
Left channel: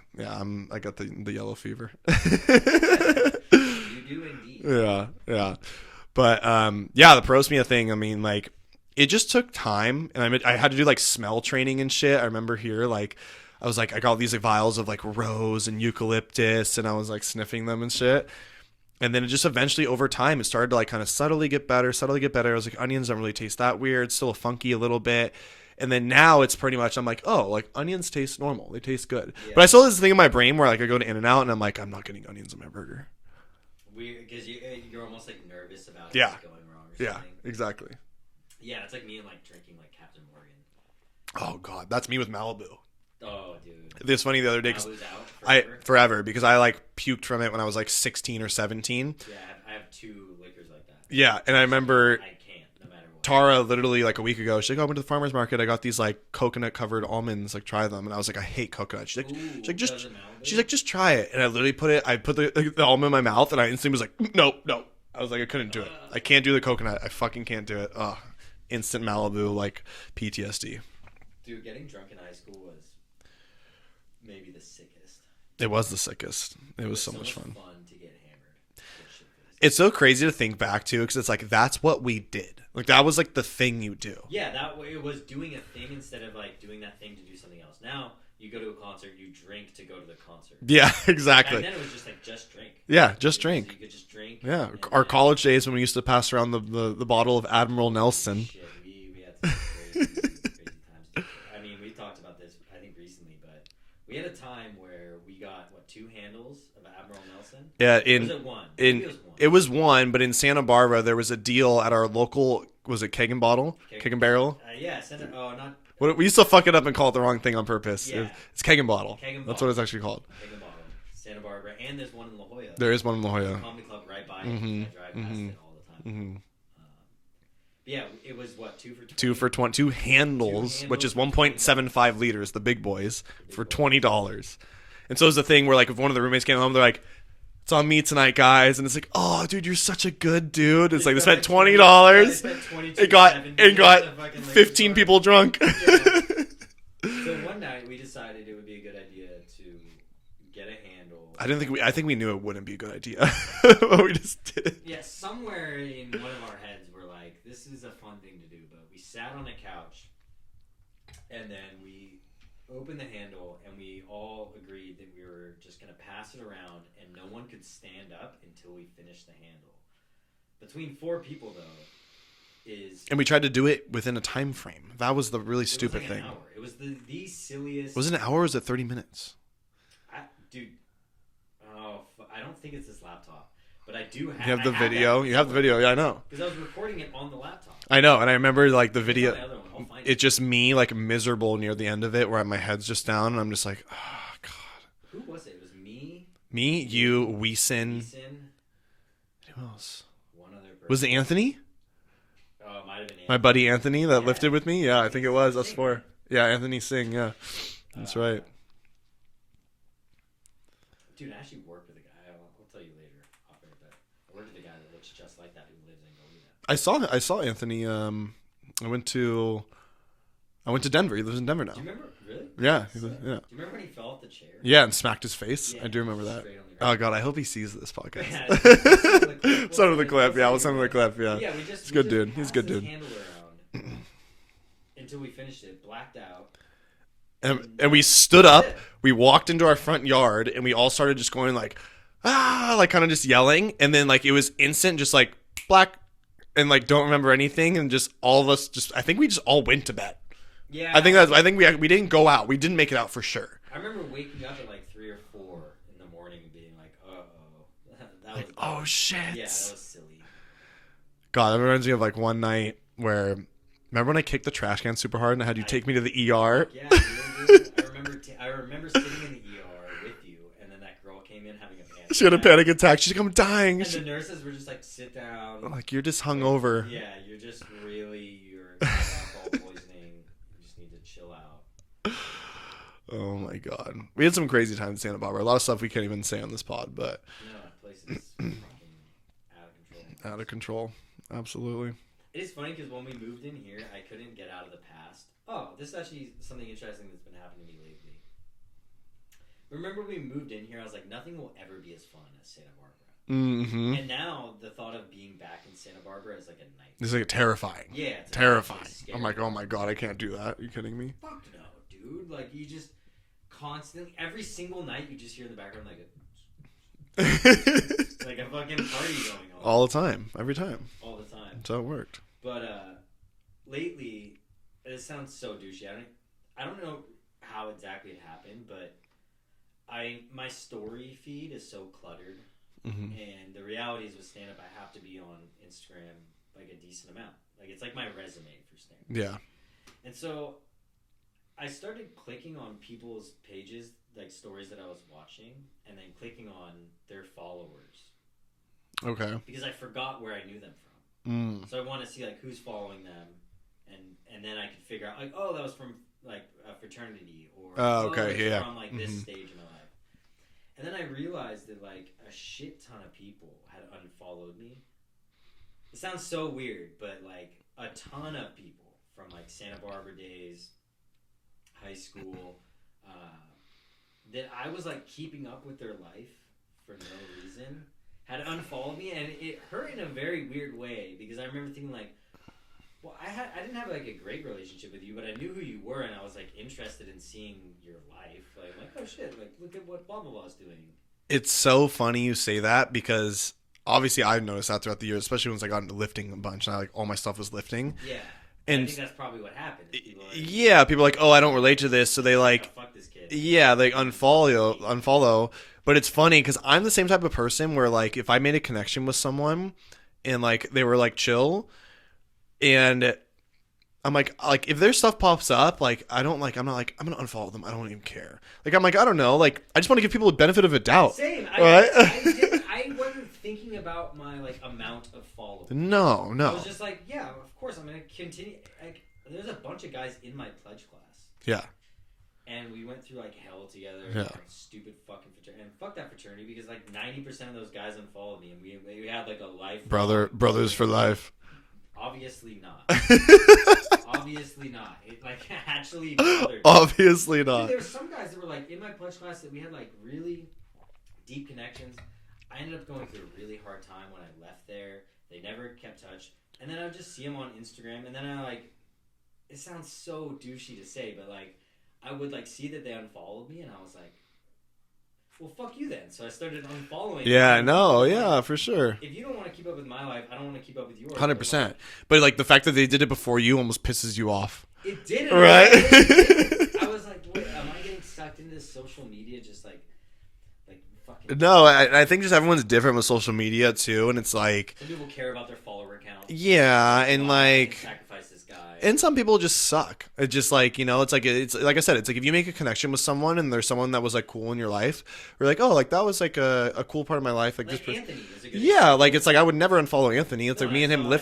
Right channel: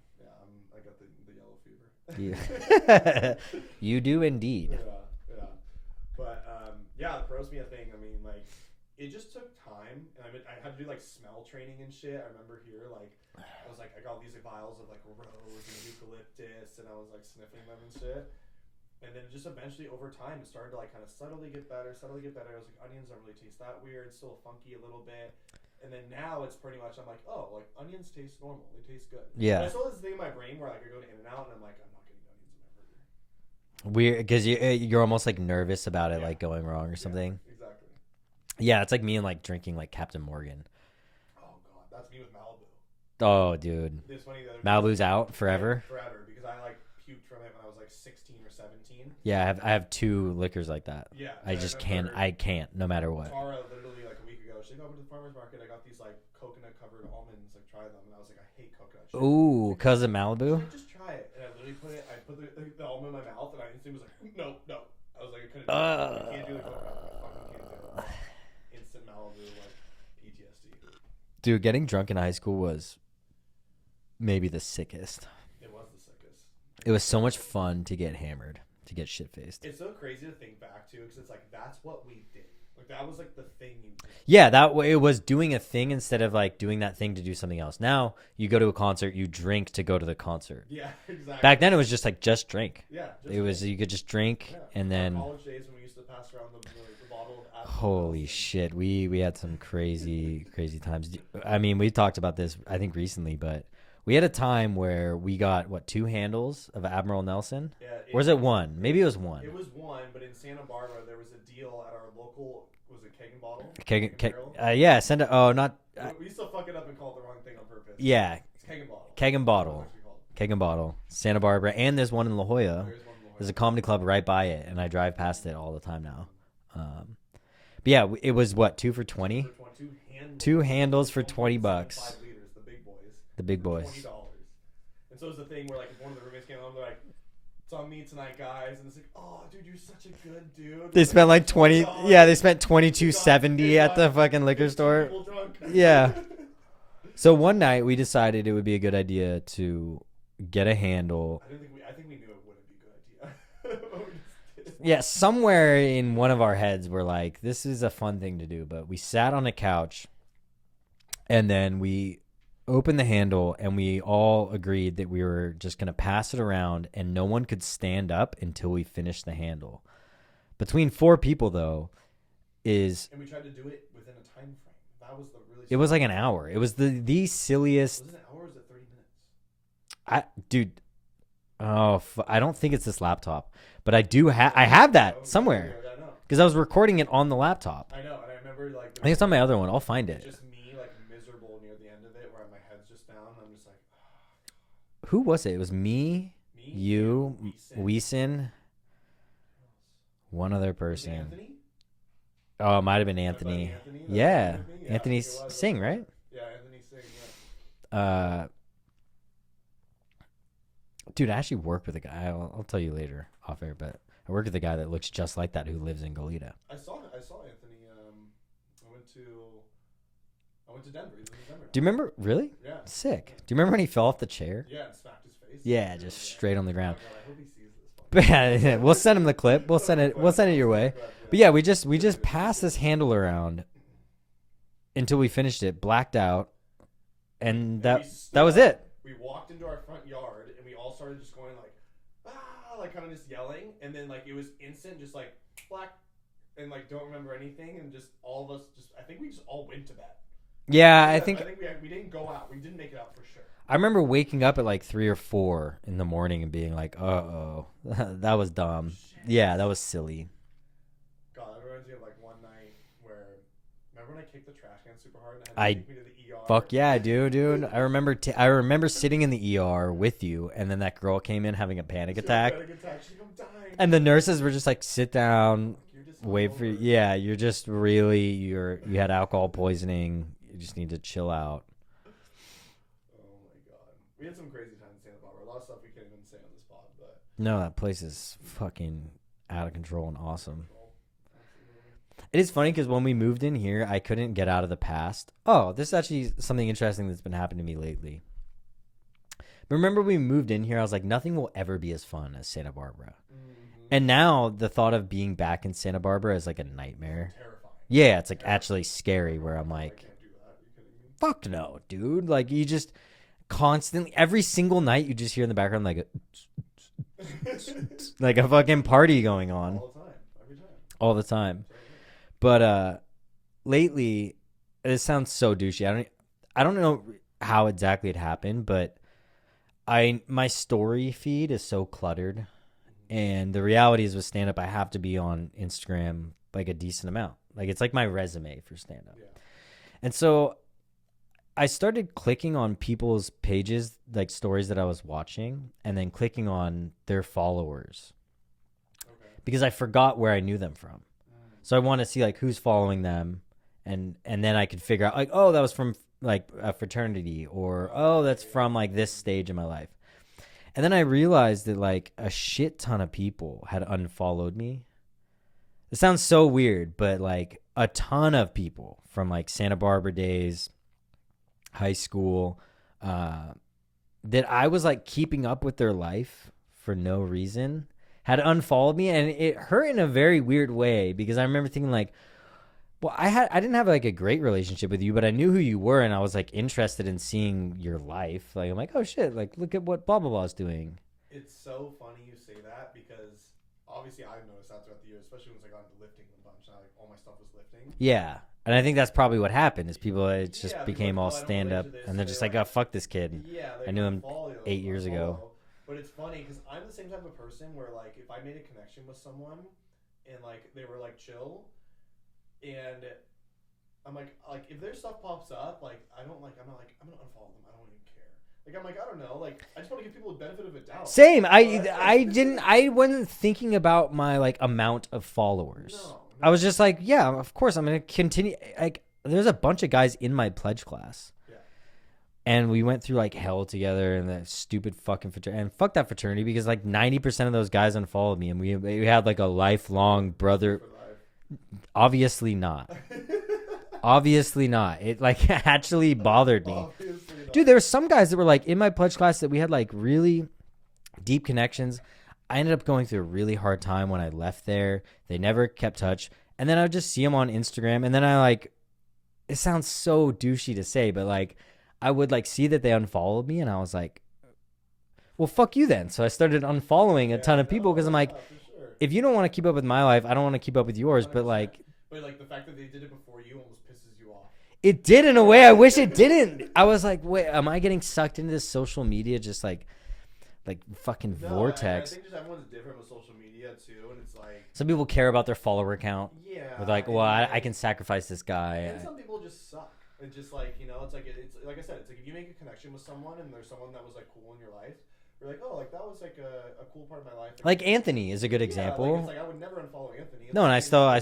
I got the yellow fever. You do indeed. Yeah. But the parosmia thing. I mean, like, it just took time, and I had to do like smell training and shit. I remember here, like, I was like, I got these like vials of like rose and eucalyptus, and I was like sniffing them and shit. And then it just eventually over time, it started to like kind of subtly get better. I was like, onions don't really taste that weird. Still funky a little bit. And then now it's pretty much, I'm like, oh, like onions taste normal. They taste good. Yeah. But I still have this thing in my brain where like I go to In-N-Out and I'm like, I'm not getting onions in my burger. Weird, because you're almost like nervous about it like going wrong or something. Yeah, exactly. Yeah, it's like me and like drinking like Captain Morgan. Oh God, that's me with Malibu. Oh, dude. It was funny the other day. Malibu's out forever? Forever, because I like puked from it when I was like 16 or 17. Yeah, I have two liquors like that. Yeah, and I remember... I can't, no matter what. Tara, literally like a week ago, she's like, I went to the farmer's market. I got these like coconut-covered almonds. Like, try them. And I was like, I hate coconut. She's like, ooh, because of Malibu? She's like, just try it. And I literally put the almond in my mouth, and I instantly was like, no. I was like, I couldn't do it. I can't do the coconut. I fucking can't do it. Instant Malibu, like PTSD. Dude, getting drunk in high school was... maybe the sickest. It was the sickest. It was so much fun to get hammered, to get shit faced. It's so crazy to think back to because it's like that's what we did. Like that was like the thing you do. Yeah, it was doing a thing instead of like doing that thing to do something else. Now you go to a concert, you drink to go to the concert. Yeah, exactly. Back then it was just like just drink. Yeah, drink. You could just drink. Yeah, our college days when we used to pass around the bottle of Admiral Nelson. Shit, we had some crazy times. I mean, we talked about this I think recently, but. We had a time where we got, 2 handles of Admiral Nelson? Yeah. Or was it one? Maybe it was one. It was one, but in Santa Barbara, there was a deal at our local, was it Keg and Bottle? Keg and Barrel? Yeah, not... we used to fuck it up and call it the wrong thing on purpose. Yeah. It's Keg and Bottle. Keg and Bottle. That's what it's actually called. Keg and Bottle. Santa Barbara. And there's one in La Jolla. There is one in La Jolla. There's a comedy club right by it, and I drive past it all the time now. But yeah, it was what, 2 for 20? 2 for 20, two handles, which is 1.75 liters, the big boys, for $20. And so it was the thing where like if one of the roommates came home, they're like, it's on me tonight, guys. And it's like, oh, dude, you're such a good dude. It's they spent $20. Yeah, they spent $22.70 at the fucking liquor 15 store. people drunk. Yeah. So one night we decided it would be a good idea to get a handle. I think we knew it wouldn't be a good idea. But we just did. Yeah, somewhere in one of our heads we're like, this is a fun thing to do. But we sat on a couch and then we opened the handle and we all agreed that we were just going to pass it around and no one could stand up until we finished the handle. Between 4 people though is... And we tried to do it within a time frame. That was the really stupid It was like thing. an hour. It was the silliest... Was it an hour or was it 30 minutes? Dude, I don't think it's this laptop. But I do have that somewhere. You have the video, yeah, I know. Because I was recording it on the laptop. I know, and I remember like the video. It's on my other one. I'll find it. It's just me like miserable near the end of it where my head's just down and I'm just like, oh, God. Who was it? It was me, you, Weeson. Who else? One other person. Was it Anthony? Oh, it might have been Anthony. My buddy Anthony that lifted with me? Yeah, Anthony I think it was. Singh, that's right? Yeah, Anthony Singh, yeah. That's right. Dude, I actually work with a guy. I'll tell you later off air, but I work with a guy that looks just like that who lives in Goleta. I saw Anthony. I went to Denver. He lives in Denver now. Do you remember? Really? Yeah. Sick. Yeah. Do you remember when he fell off the chair? Yeah, and smacked his face. Yeah, I do remember that. Straight on the ground. Oh God, I hope he sees this podcast. Yeah, we'll send him the clip. We'll send him the clip. Yeah. But yeah, we just dude. passed this handle around until we finished it, blacked out. And we stood up, we walked into our front yard, and we all started just going like, like kind of just yelling. And then like it was instant, just like black, and like don't remember anything. And just all of us I think we just all went to bed. Yeah. I think we didn't go out. We didn't make it out for sure. I remember waking up at like 3 or 4 in the morning and being like, that was dumb. Oh, shit. Yeah, that was silly. God, that reminds me of like one night where... Remember when I kicked the trash can super hard and I had you take me to the ER? Fuck yeah, dude. I remember sitting in the ER with you, and then that girl came in having a panic attack. She had a panic attack. She's like, I'm dying. And the nurses were just like, sit down. Like, you're just hungover. Yeah, you're just really, you had alcohol poisoning. You just need to chill out. Oh my God. We had some crazy times in Santa Barbara. A lot of stuff we can't even say on this pod, but. No, that place is fucking out of control and awesome. Out of control. Absolutely. It is funny because when we moved in here, I couldn't get out of the past. Oh, this is actually something interesting that's been happening to me lately. Remember we moved in here, I was like, nothing will ever be as fun as Santa Barbara. Mm-hmm. And now the thought of being back in Santa Barbara is like a nightmare. It's like terrifying. Yeah, it's like actually scary. Oh my God, I can't do that. Are you kidding me? Fuck no, dude. Like you just constantly, every single night you just hear in the background like like a fucking party going on. All the time. Every time. All the time. That's how it worked. But lately, this sounds so douchey. I don't know how exactly it happened, but my story feed is so cluttered. Mm-hmm. And the reality is with stand-up, I have to be on Instagram like a decent amount. Like it's like my resume for stand-up. Yeah. And so I started clicking on people's pages, like stories that I was watching, and then clicking on their followers. Okay. Because I forgot where I knew them from. So I want to see like who's following them, and then I could figure out like, oh, that was from like a fraternity, or that's from like this stage in my life. And then I realized that like a shit ton of people had unfollowed me. It sounds so weird, but like a ton of people from like Santa Barbara days, high school, that I was like keeping up with their life for no reason, had unfollowed me, and it hurt in a very weird way because I remember thinking like, well, I didn't have like a great relationship with you, but I knew who you were, and I was like interested in seeing your life. Like I'm like, oh shit, like look at what blah blah blah is doing. It's so funny you say that because obviously I've noticed that throughout the years, especially once I got into lifting a bunch, and all my stuff was lifting. Yeah. And I think that's probably what happened is people people like, oh, I don't relate to this, so they like, oh, fuck this kid. Yeah, they unfollow. But it's funny because I'm the same type of person where like if I made a connection with someone and like they were like chill and if their stuff pops up, like I'm not like I'm gonna unfollow them. I don't even care. Like I'm like I don't know. Like I just want to give people the benefit of a doubt. Same. I wasn't thinking about my like amount of followers. No. I was just like, yeah, of course I'm gonna continue. Like there's a bunch of guys in my pledge class. Yeah. And we went through like hell together and that stupid fucking fraternity. And fuck that fraternity because like 90% of those guys unfollowed me and we had like a lifelong brothers for life. Obviously not. Obviously not. It like actually bothered me. Obviously not. Dude, there were some guys that were like in my pledge class that we had like really deep connections. I ended up going through a really hard time when I left there. They never kept touch. And then I would just see them on Instagram. And then I like, it sounds so douchey to say, but like, I would like see that they unfollowed me and I was like, well, fuck you then. So I started unfollowing a ton of people. Yeah, like, for sure. If you don't want to keep up with my life, I don't want to keep up with yours. 100%. But like the fact that they did it before you almost pisses you off. It did in a way. I wish it didn't. I was like, wait, am I getting sucked into this social media just like fucking no I think just everyone's different with social media too, and it's like some people care about their follower count. And well, I can sacrifice this guy, and some people just suck. It's just like, you know, it's like I said, it's like if you make a connection with someone and there's someone that was like cool in your life, or like, oh, like that was like a cool part of my life, like Anthony is a good example. Like it's like I would never unfollow Anthony. It's no, like I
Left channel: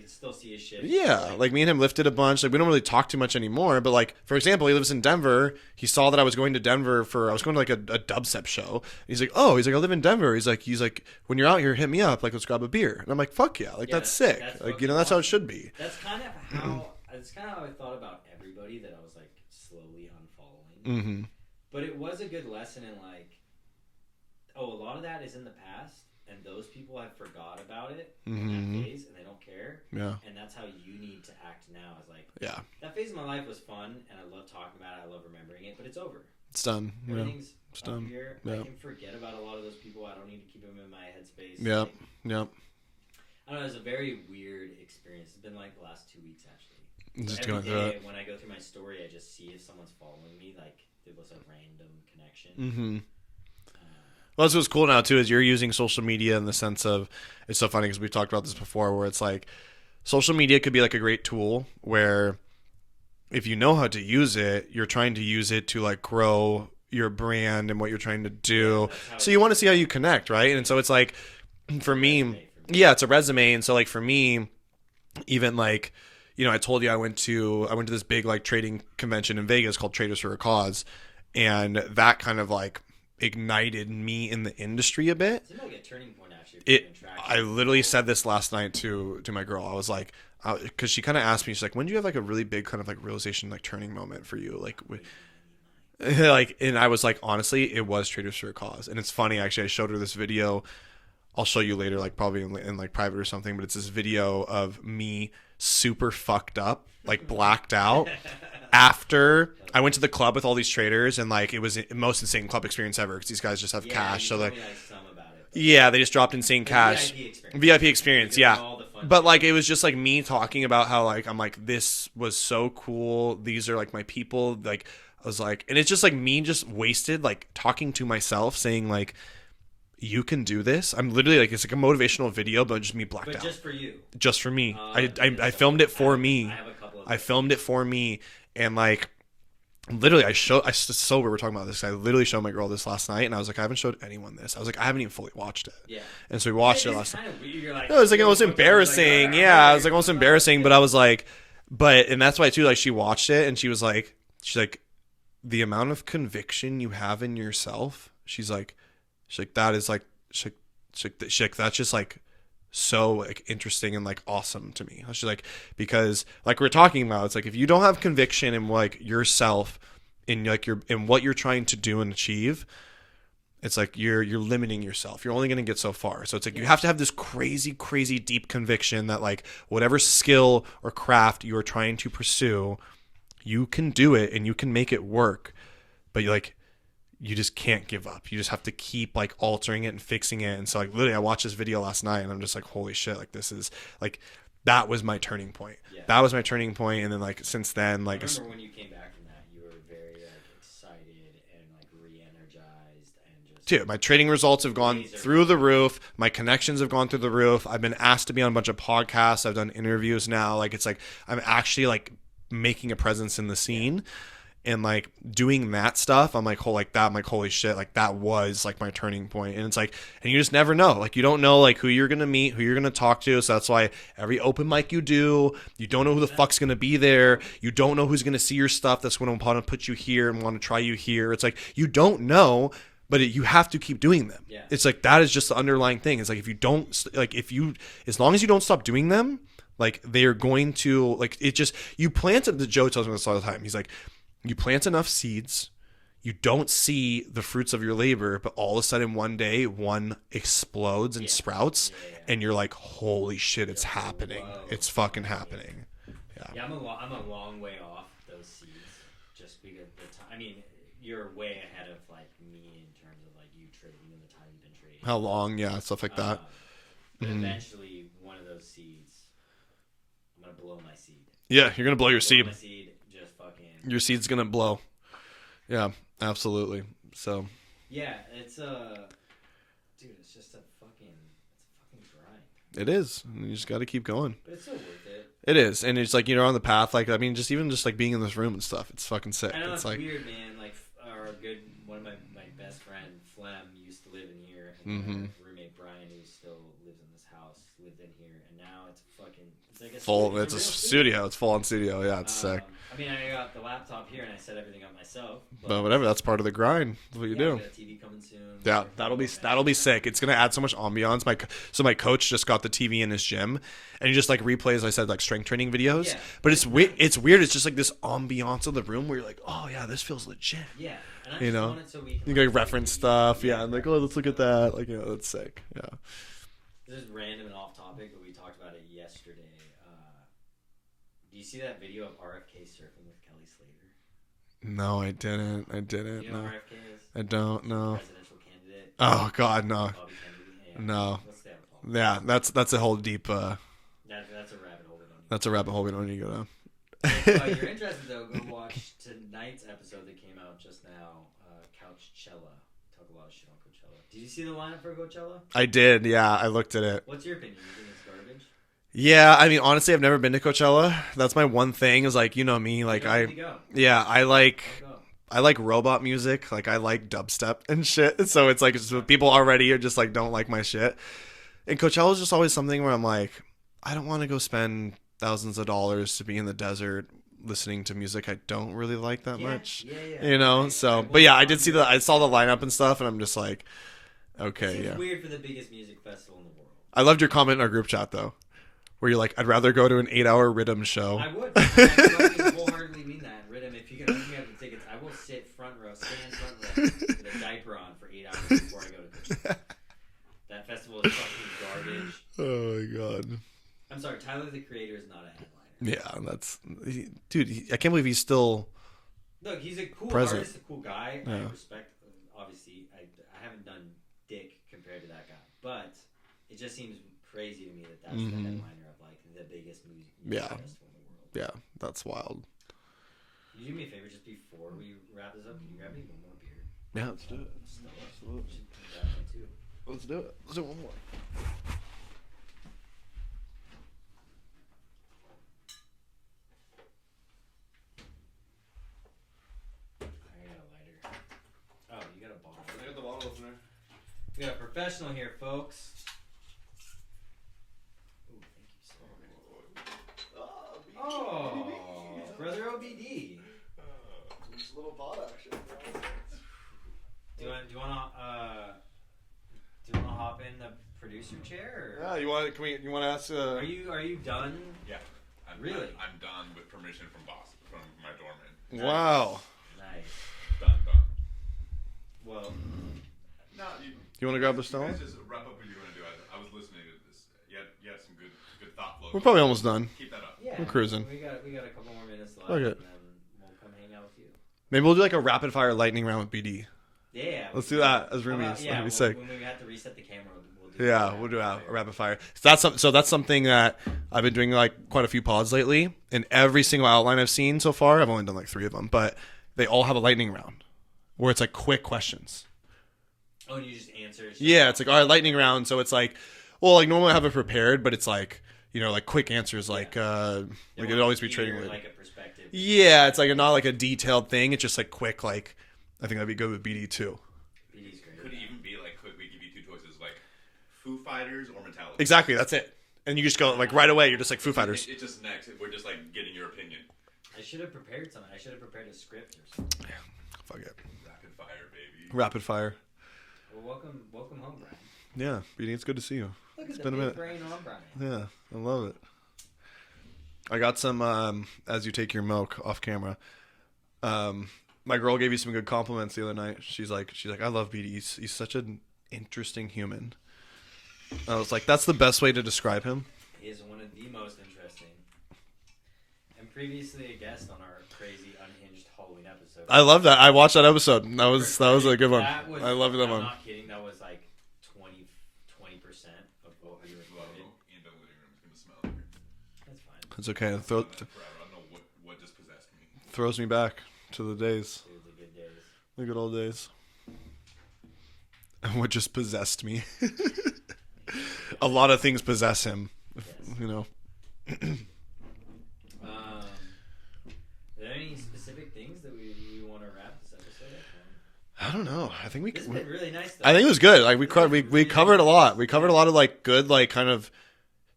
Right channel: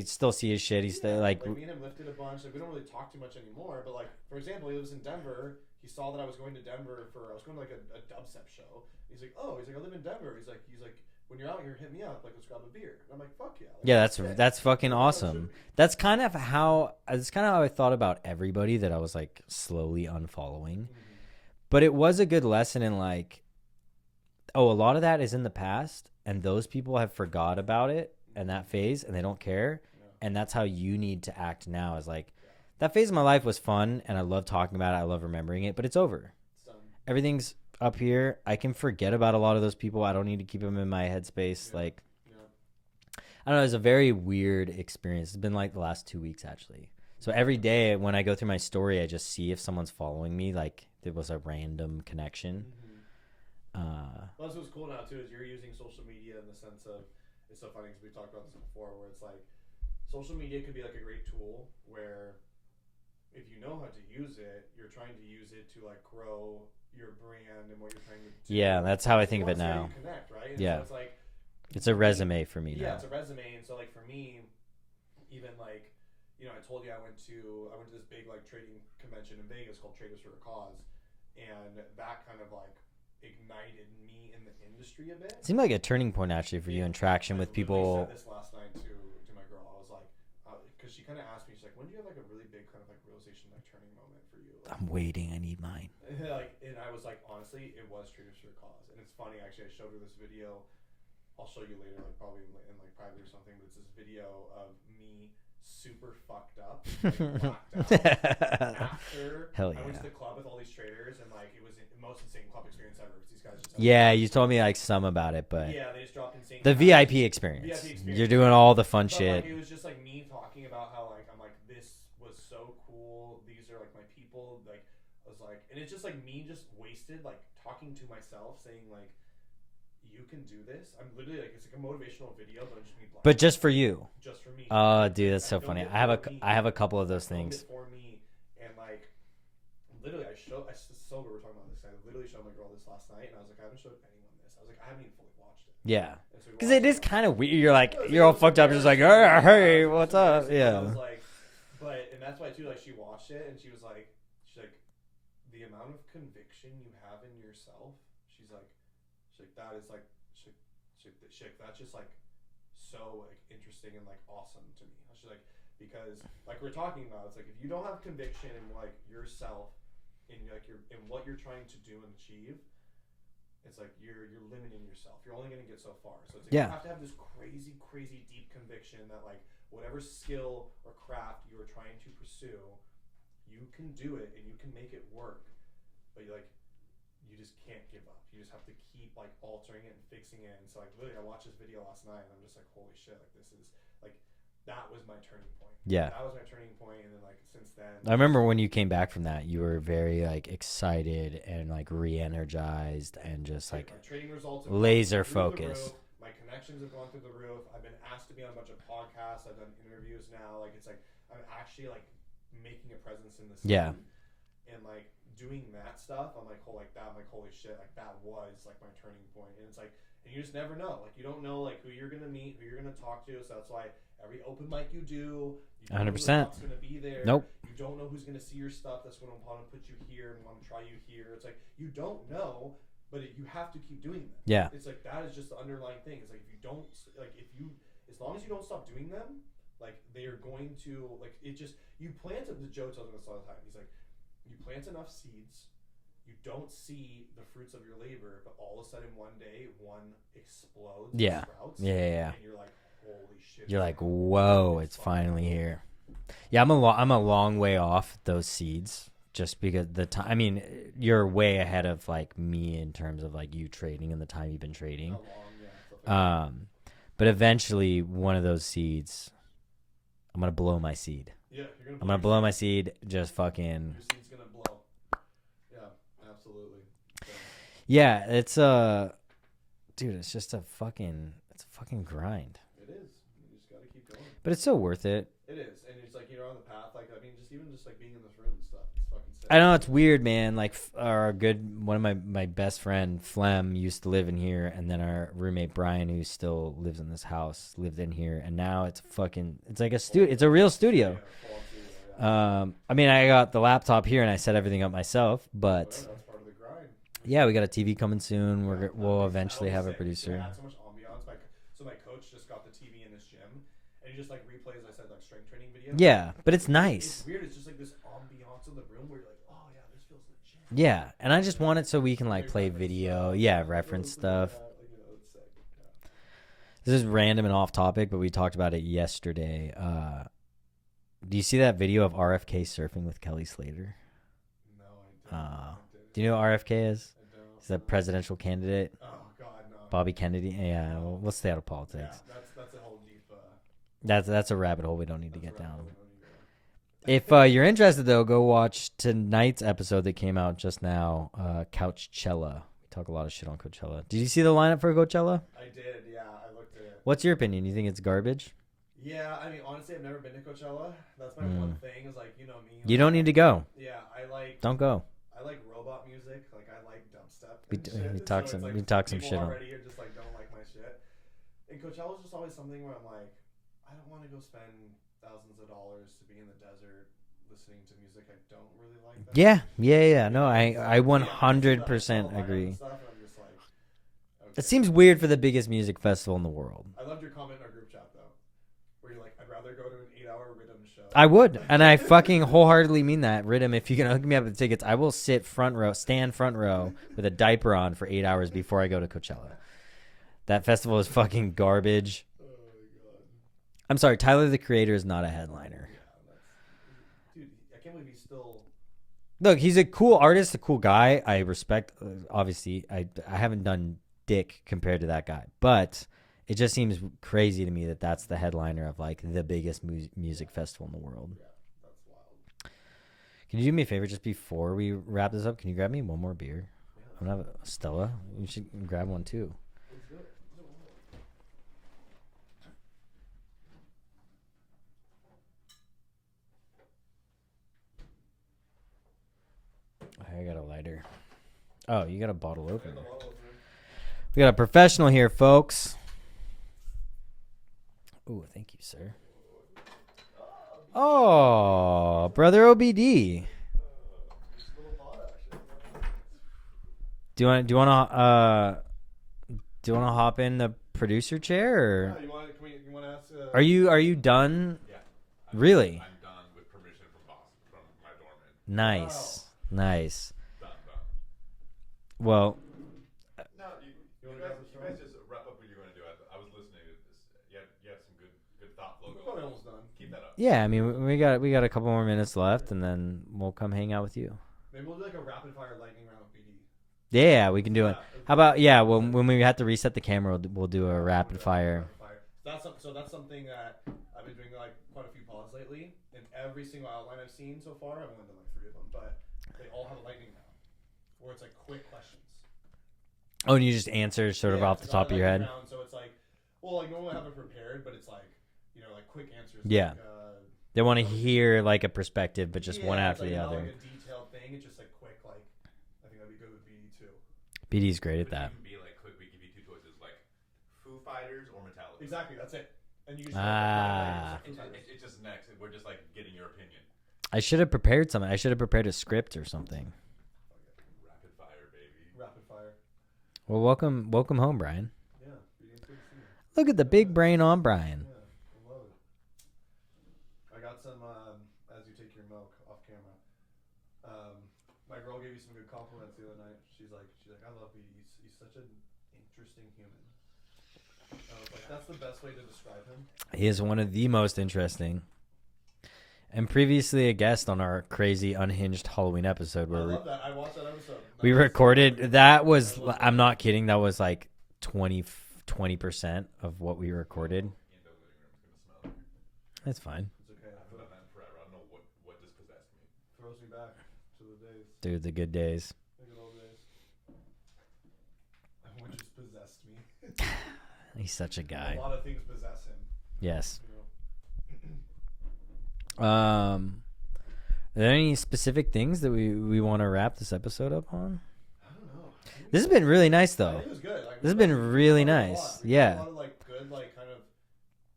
still see his shit. He's still, like me and him lifted a bunch. Like we don't really talk too much anymore, but like for example, he lives in Denver. He saw that I was going to Denver I was going to like a dubstep show. He's like, oh, I live in Denver. He's like, when you're out here, hit me up. Like, let's grab a beer. And I'm like, fuck yeah. Like, that's sick. That's like, fucking awesome. That's how it awesome. should be. That's kind of how I thought about everybody that I was like slowly unfollowing. Mm-hmm. But it was a good lesson in like, a lot of that is in the past and those people have forgot about it and that phase and they don't care. Yeah. And that's how you need to act now is like, yeah, that phase of my life was fun and I love talking about it. I love remembering it, but it's over. It's done. Everything's up here. Yeah. I can forget about a lot of those people. I don't need to keep them in my headspace. Yeah. Like, I don't know. It was a very weird experience. It's been like the last 2 weeks actually. So every day when I go through my story, I just see if someone's following me. Like there was a random connection. Mm-hmm. Well, that's what's cool now too is you're using social media in the sense of, it's so funny because we've talked about this before, where it's like social media could be like a great tool where if you know how to use it, you're trying to use it to like grow your brand and what you're trying to do. Yeah, that's how so you want to see how you connect, right? And so it's like it's for a me, resume for me. Yeah, it's a resume. And so like for me, even like, you know, I told you I went to this big like trading convention in Vegas called Traders for a Cause, and that kind of like ignited me in the industry a bit. It seemed like a turning point actually for you in traction. I literally said this last night to my girl. I was like, because she kind of asked me, she's like, when do you have like a really big kind of like realization, like turning moment for you? Like, I'm waiting, I need mine. Like, and I was like, honestly, it was Traders for a Cause. And it's funny, actually, I showed her this video. I'll show you later, like probably in like private or something, but it's this video of me super fucked up, like blacked out after I went to the club with all these traders, and like it was the most insane club experience ever because these guys just have cash. You told me like some about it, but yeah, they just dropped insane cash. VIP experience. You're doing all the fun but shit. Like it was just like me talking about how like I'm like, this was so cool, these are like my people, like I was like, and it's just like me just wasted like talking to myself saying like, you can do this. I'm literally like, it's like a motivational video, but just me blacked out. But just for you. Just for me. I filmed it for me. I have a couple of those I filmed it for me. And like, literally, we're talking about this. I literally showed my girl this last night, and I was like, I haven't showed anyone this. I was like, I haven't even fully watched it. Yeah. And so we watched it. It's kind of weird. You're like, it was like, it was embarrassing. Yeah, it was like almost embarrassing, but I was like, and that's why too, like she watched it, and she's like, the amount of conviction you have in yourself, she's like, that is like, she's like, that's just like so like interesting and like awesome to me. She's like, because like we're talking about, it's like if you don't have conviction in like yourself in like in what you're trying to do and achieve, it's like you're limiting yourself. You're only going to get so far. So it's like you have to have this crazy deep conviction that like whatever skill or craft you are trying to pursue, you can do it and you can make it work. But you just can't give up. You just have to keep like altering it and fixing it. And so like literally I watched this video last night and I'm just like, holy shit, like this is like that was my turning point. Yeah. That was my turning point. And then like since then, like I remember when you came back from that, you were very like excited and like re-energized and just dude, my trading results have gone through the roof. My connections have gone through the roof. I've been asked to be on a bunch of podcasts. I've done interviews now. Like it's like I'm actually like making a presence in the scene. Yeah. And like doing that stuff, I'm like, I'm like, holy shit, like that was like my turning point. And it's like, and you just never know. Like you don't know like who you're gonna meet, who you're gonna talk to. So that's why every open mic you do, you don't 100%. Know who the fuck's gonna be there. Nope. You don't know who's gonna see your stuff. That's when I'm gonna put you here and want to try you here. It's like you don't know, but you have to keep doing them. Yeah, it's like that is just the underlying thing. It's like if you don't like as long as you don't stop doing them, like they're going to like it just you planted. The Joe tells me this all the time. He's like, you plant enough seeds, you don't see the fruits of your labor, but all of a sudden one day one explodes and sprouts, and you're like, holy shit, it's like, happening. Whoa, it's fucking happening. Here. Yeah, I'm a long way off those seeds just because the time. I mean, you're way ahead of like me in terms of like you trading and the time you've been trading. How long? Yeah, stuff like that. But eventually, one of those seeds, I'm gonna blow my seed. Yeah, you're gonna blow your seed. Blow my seed, just fucking. Your seed's gonna blow. Yeah, absolutely. So. Yeah, it's dude, it's just a fucking grind. It is. You just got to keep going. But it's so worth it. It is, and it's like you're on the path. Like I mean, just like being in this room and stuff. It's fucking sick. I know it's like, weird, man. Like one of my best friend Flem used to live in here, and then our roommate Brian, who still lives in this house, lived in here, and now it's like a studio. It's a real studio. It's full on studio. Yeah, it's sick. I mean, I got the laptop here, and I set everything up myself. But whatever, that's part of the grind. Yeah, we got a TV coming soon. Yeah, that'll be sick. It's gonna add so much ambiance. My coach just got the TV in his gym. And he just like replays, I said, like strength training videos. Yeah, but it's nice. It's weird. It's just like this ambiance of the room where you're like, oh yeah, this feels legit. Yeah, and I just want it so we can like reference stuff. Yeah, like let's look at that. Like that's sick. Yeah. This is random and off topic, but we talked about it yesterday. Do you see that video of RFK surfing with Kelly Slater? No, I didn't. Do you know what RFK is? I don't know. The presidential candidate. Oh God, no. Bobby Kennedy. Yeah. No. Let's stay out of politics. Yeah, that's a whole deep. That's a rabbit hole we don't need. That's a rabbit hole we don't need to go down. If you're interested, though, go watch tonight's episode that came out just now, Couchella. We talk a lot of shit on Coachella. Did you see the lineup for Coachella? I did, yeah. I looked at it. What's your opinion? You think it's garbage? Yeah, I mean, honestly, I've never been to Coachella. That's my one thing is like, you know me. Like, you don't need to go. Yeah, Don't go. I like robot music. Like, I like dubstep and shit. So it's like people already are just like, don't like my shit. And Coachella is just always something where I'm like, I don't want to go spend thousands of dollars to be in the desert listening to music I don't really like that much. Yeah. You know, but yeah, I did see I saw the lineup and stuff, and I'm just like, okay. It seems weird for the biggest music festival in the world. I loved your comment in our group chat though, where you're like, I'd rather go to an 8-hour Rhythm show. I would, and I fucking wholeheartedly mean that. Rhythm, if you can hook me up with the tickets, I will stand front row with a diaper on for 8 hours before I go to Coachella. That festival is fucking garbage. Oh my God. I'm sorry, Tyler the Creator is not a headliner. Yeah, dude. I can't believe he's still. Look, he's a cool artist, a cool guy. Yeah. I respect. Obviously, I haven't done dick compared to that guy, but it just seems crazy to me that that's the headliner of like the biggest music festival in the world. Yeah, that's wild. Can you do me a favor just before we wrap this up? Can you grab me one more beer? Yeah, Stella. You should grab one too. Let's do it. Let's do one more. I got a lighter. Oh, you got a bottle opener. We got a professional here, folks. Oh, thank you, sir. Oh, brother OBD. Do you want to hop in the producer chair? Or? Yeah, you want to ask? Are you done? Yeah. Really? I'm done with permission from my doorman. Nice. Wow. Nice. Done. Well. No, you want to grab the stone? Just wrap up what you're going to do. I was listening to this. You had some good thought flow. We're probably almost done. Keep that up. Yeah, I mean, we got a couple more minutes left, and then we'll come hang out with you. Maybe we'll do like a rapid fire lightning round with BD. Yeah, we Let's can do do that it. as How about roommates. when we have to reset the camera, we'll do a rapid fire. Rapid fire. So that's something that I've been doing like quite a few pods lately, and every single outline I've seen so far, I've only done like 3 of them, but they all have a lightning round where it's like quick questions. Oh, and you just answer. Yeah, it's like, all right, lightning round. So it's like, well, like normally I have it prepared, but it's like, you know, like quick answers. Like, they want to hear like a perspective. Yeah, it's like not like a detailed thing. It's just like quick. Like, I think that'd be good with BD too. BD's great at that. Even be like, quick, we give you 2 choices, like Foo Fighters or Metallica. Exactly, that's it. And you just go like right away. You're just like Foo Fighters. It's just next. We're just like getting your opinion. I should have prepared something. I should have prepared a script or something. Fuck it. Rapid fire, baby. Rapid fire. Well, welcome home, Brian. Yeah, BD, it's good to see you. Look at the big brain on Brian. Yeah, I love it. I got some as you take your milk off camera. My girl gave you some good compliments the other night. She's like, I love BD. He's such an interesting human. I was like, that's the best way to describe him. He is one of the most interesting. And previously a guest on our crazy unhinged Halloween episode. I love that. I watched that episode. That was a good one. I'm not kidding. That was like 20% of what we recorded. That's fine. It's okay. I don't know what just possessed me. Throws me back to the days. Dude, the good days. The good old days. And what just possessed me. He's such a guy. A lot of things possess him. Yes. You know. Are there any specific things that we want to wrap this episode up on? I don't know. I think this has been really nice though. I think it was good. Like we covered a lot. We covered a lot of like good like kind of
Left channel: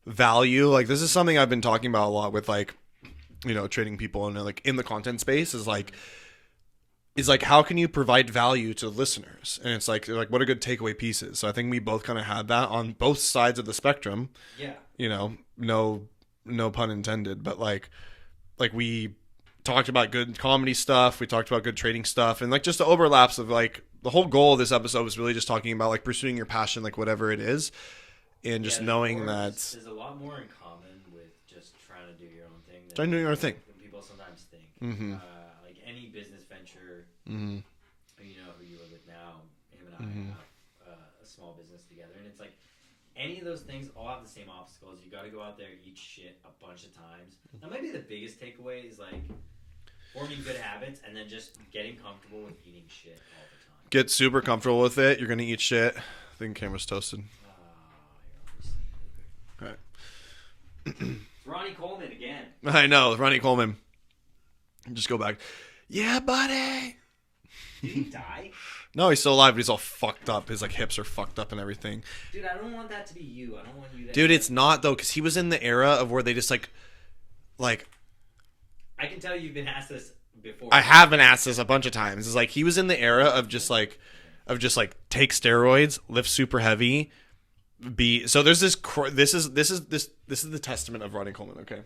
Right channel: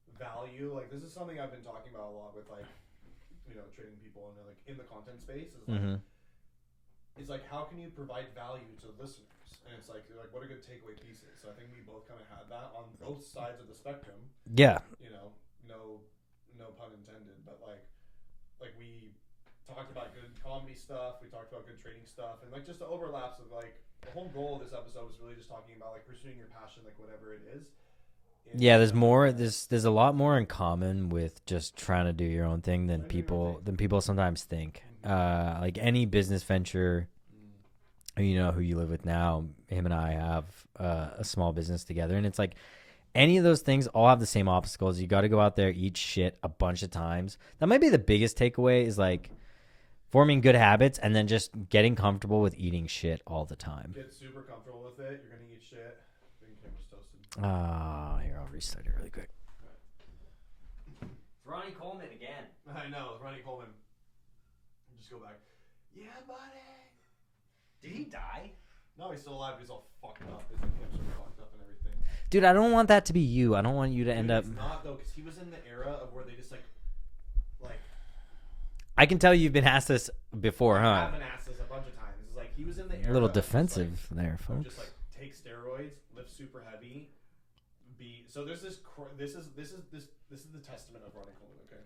value. Like this is something I've been talking about a lot with like, you know, trading people and like in the content space is like is like how can you provide value to the listeners? And it's like what a good takeaway pieces. So I think we both kind of had that on both sides of the spectrum. Yeah. You know, no pun intended, but like we talked about good comedy stuff, we talked about good trading stuff, and like just the overlaps of like the whole goal of this episode was really just talking about like pursuing your passion, like whatever it is. And yeah, there's a lot more in common with just trying to do your own thing than people sometimes think. Like any business venture, you know who you live with now, him and I have a small business together, and it's like any of those things all have the same obstacles. You got to go out there, eat shit a bunch of times. That might be the biggest takeaway is like forming good habits and then just getting comfortable with eating shit all the time. Get super comfortable with it. You're going to eat shit. I think the camera's toasted. Here, I'll reset it really quick. All right. It's Ronny Coleman again. I know. Ronny Coleman. Just go back. Yeah, buddy. Did he die? No, he's still alive, but he's all fucked up. His like hips are fucked up and everything. Dude, I don't want that to be you. I don't want you to. Dude, it's not though, because he was in the era of where they just like. I can tell you've been asked this before. I have been asked this a bunch of times. It's like he was in the era of just like take steroids, lift super heavy, so there's this. This is the testament of Ronny Coleman. Okay,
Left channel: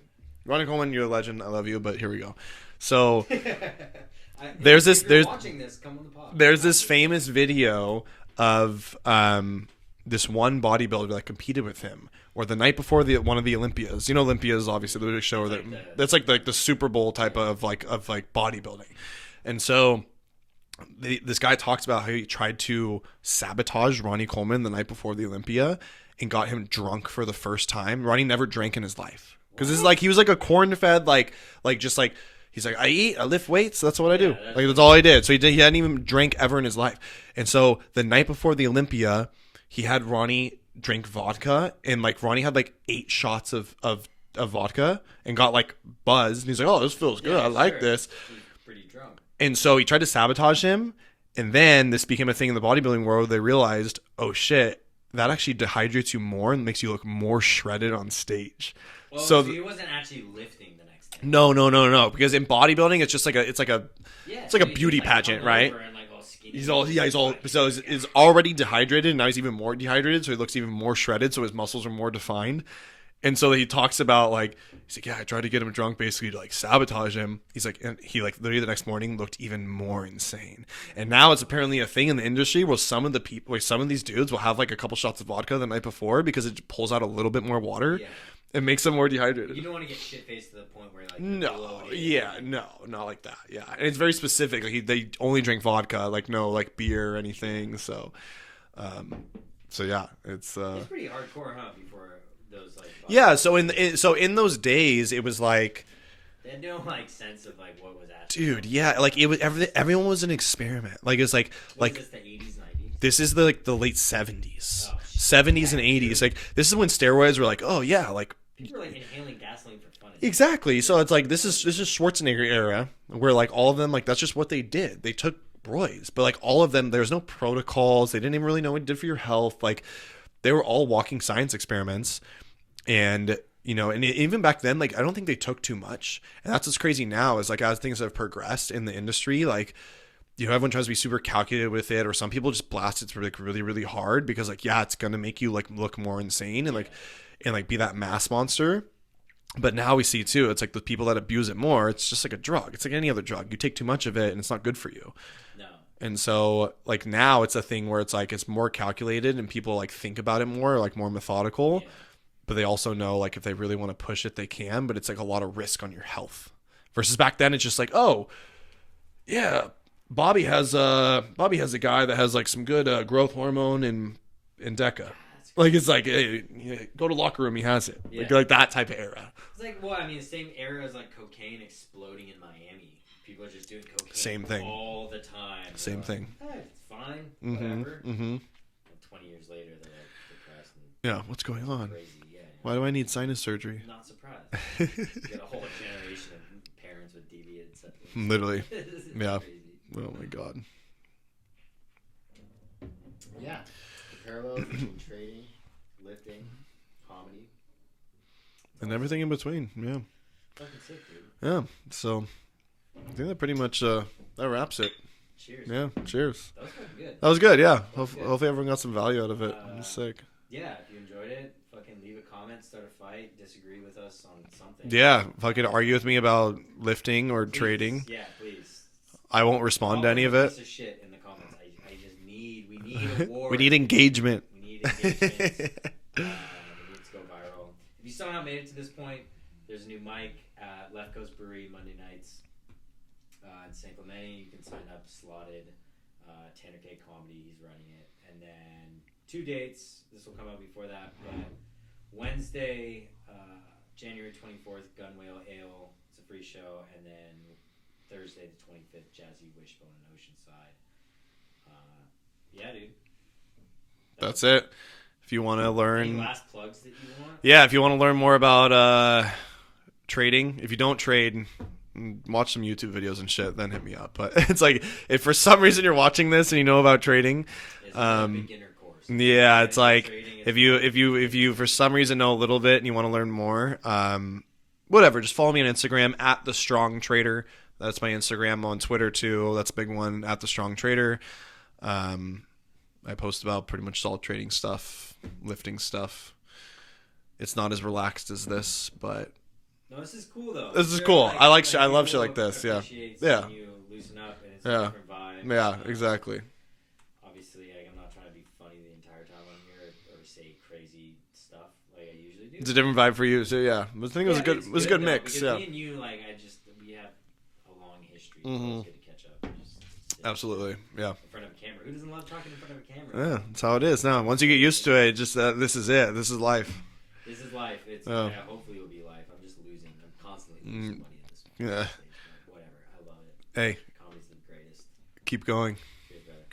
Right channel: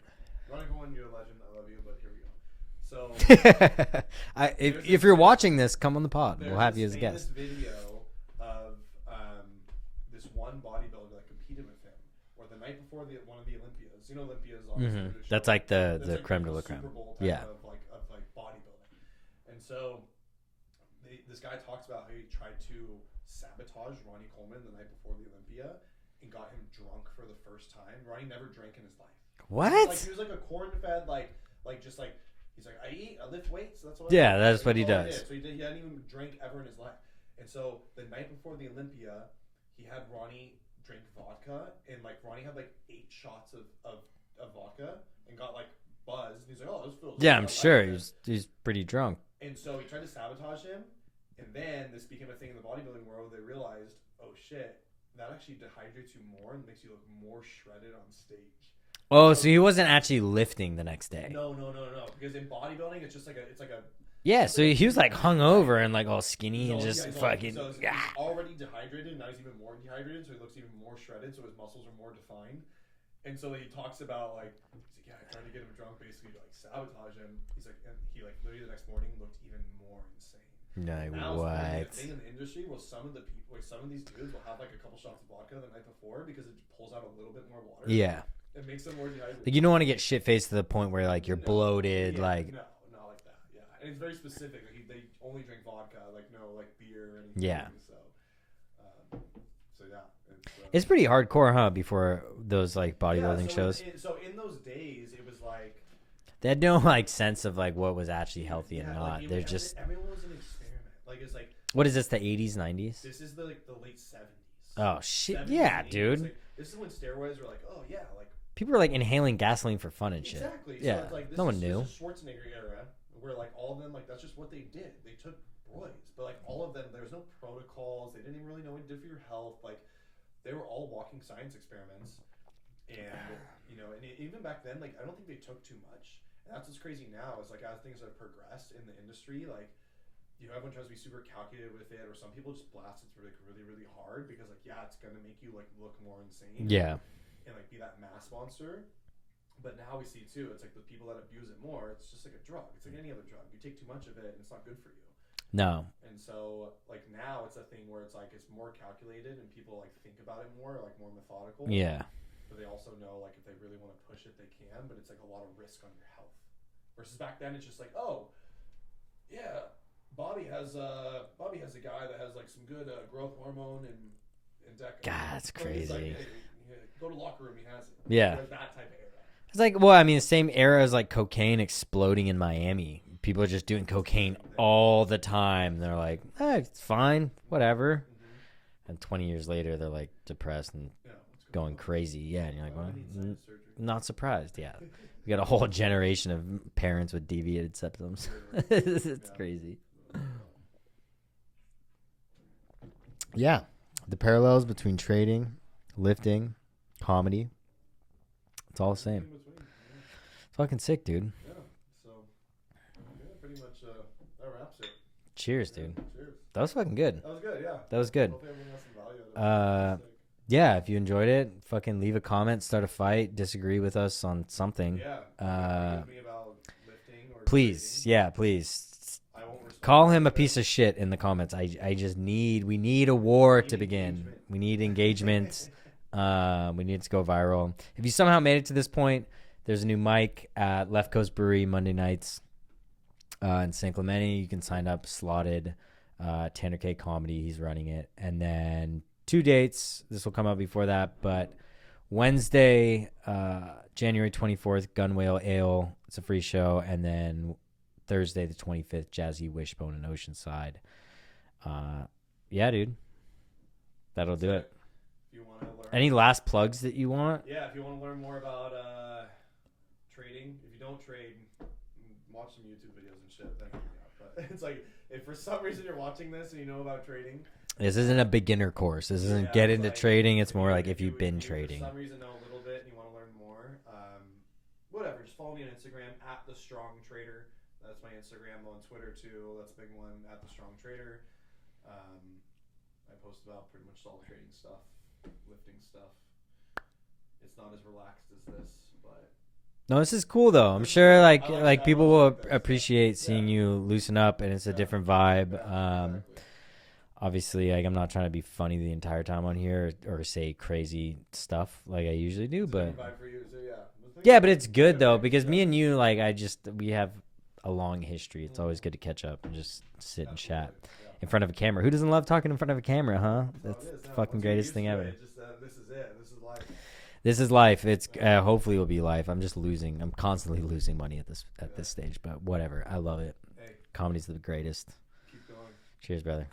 Ronny Coleman, you're a legend. I love you, but here we go. So if you're watching this, come on the pod. There's this famous video of this one bodybuilder that competed with him, or the night before one of the Olympias. You know, Olympias obviously the big show. That's like the Super Bowl type of bodybuilding, and so this guy talks about how he tried to sabotage Ronny Coleman the night before the Olympia and got him drunk for the first time. Ronny never drank in his life because it's like he was like a corn-fed he's like, I eat, I lift weights. That's what I do. That's all he did. So he hadn't even drank ever in his life. And so the night before the Olympia, he had Ronny drink vodka, and like Ronny had like 8 shots of vodka and got like buzzed. And he's like, oh, this feels good. I like this. He's pretty drunk. And so he tried to sabotage him. And then this became a thing in the bodybuilding world. They realized, oh shit, that actually dehydrates you more and makes you look more shredded on stage. Oh, so he wasn't actually lifting the next day. No. Because in bodybuilding, it's just like a beauty pageant, right? And like all skinny. He's already dehydrated, and now he's even more dehydrated, so he looks even more shredded, so his muscles are more defined. And so he talks about like he's like, yeah, I tried to get him drunk basically to like sabotage him. He's like, and he like literally the next morning looked even more insane. And now it's apparently a thing in the industry where some of the people, like some of these dudes will have like a couple shots of vodka the night before because it pulls out a little bit more water. Yeah. It makes them more dehydrated. You don't want to get shit faced to the point where like you're bloated. Yeah, like... no, not like that. Yeah, and it's very specific. Like they only drink vodka, like no like beer or anything. Yeah. So yeah, it's pretty hardcore, huh? Before those like body. Yeah, so in those days, it was like they had no like sense of like what was actually. Dude, yeah, like it was everyone was an experiment. Like it's like what is this? The 80s, 90s? This is the late 70s. Oh, shit. 70s and 80s. Dude. Like this is when steroids were like, oh yeah, like. People are like inhaling gasoline for fun. And exactly. Shit. So it's like this is Schwarzenegger era where like all of them like that's just what they did. They took broids, but like all of them, there's no protocols. They didn't even really know what it did for your health. Like they were all walking science experiments, and and even back then, like I don't think they took too much. And that's what's crazy now is like as things have progressed in the industry, like everyone tries to be super calculated with it, or some people just blast it like really really hard because like it's gonna make you like look more insane and like be that mass monster. But now we see too, it's like the people that abuse it more, it's just like a drug. It's like any other drug. You take too much of it and it's not good for you. No. And so like now it's a thing where it's like it's more calculated and people like think about it more, like more methodical. Yeah. But they also know like if they really want to push it, they can, but it's like a lot of risk on your health. Versus back then it's just like, oh, yeah, Bobby has a guy that has like some good growth hormone and Deca. God, that's like it's like hey, go to locker room, he has it. Yeah, like that type of era. It's like, well, I mean, same era as like cocaine exploding in Miami. People are just doing cocaine all the time. They're like, thing. It's fine, whatever. Mm-hmm. And 20 years later, they're like depressed and what's going on? Crazy. Yeah. Why do I need sinus surgery? Not surprised. Yeah. You got a whole generation of parents with deviated septums. Literally. It's crazy. Oh my god. Yeah. The parallels between trading, lifting, comedy. It's all everything in between. Yeah. Fucking sick, dude. Yeah. So I think that pretty much that wraps it. Cheers. Yeah. Dude. Cheers. That was fucking good. That was good. Yeah. That was good. Hopefully everyone got some value out of it. That was sick. Yeah. If you enjoyed it, fucking leave a comment, start a fight, disagree with us on something. Yeah. Fucking argue with me about lifting or trading. Yeah, please. I won't respond Call to any him of a it. Piece of shit in the comments. We need a war. We need engagement. We need engagement. We need to go viral. If you somehow made it to this point, there's a new mic at Left Coast Brewery Monday nights in San Clemente. You can sign up. Slotted. Tanner K Comedy. He's running it. And then 2 dates. This will come out before that, but Wednesday, January 24th, Gunwale Ale. It's a free show, and then Thursday the 25th, Jazzy Wishbone in Oceanside. Yeah, dude. That's it. If you want to learn... Any last plugs that you want? Yeah, if you want to learn more about trading. If you don't trade, watch some YouTube videos and shit, then hit me up. But it's like, if for some reason you're watching this and you know about trading... This isn't a beginner course. It's like... Trading, it's if you for some reason know a little bit and you want to learn more, whatever, just follow me on Instagram at The Strong Trader. That's my Instagram. On Twitter too. That's a big one, at The Strong Trader. I post about pretty much all trading stuff, lifting stuff. It's not as relaxed as this, but no, this is cool though. This is cool. I love shit like this. Appreciate seeing you loosen up, and it's a different vibe. Yeah, exactly. Obviously, like, I'm not trying to be funny the entire time on here or say crazy stuff like I usually do. It's a different vibe for you, so yeah. But it's good though, because me and you, like, we have a long history. It's always good to catch up and just sit and chat in front of a camera. Who doesn't love talking in front of a camera? Yeah, huh? That's how it is now. Once you get used to it, just this is it. This is life. This is life. It's hopefully it'll be life. I'm just losing. I'm constantly losing money at this stage, but whatever. I love it. Hey, comedy's the greatest. Keep going. Cheers, brother.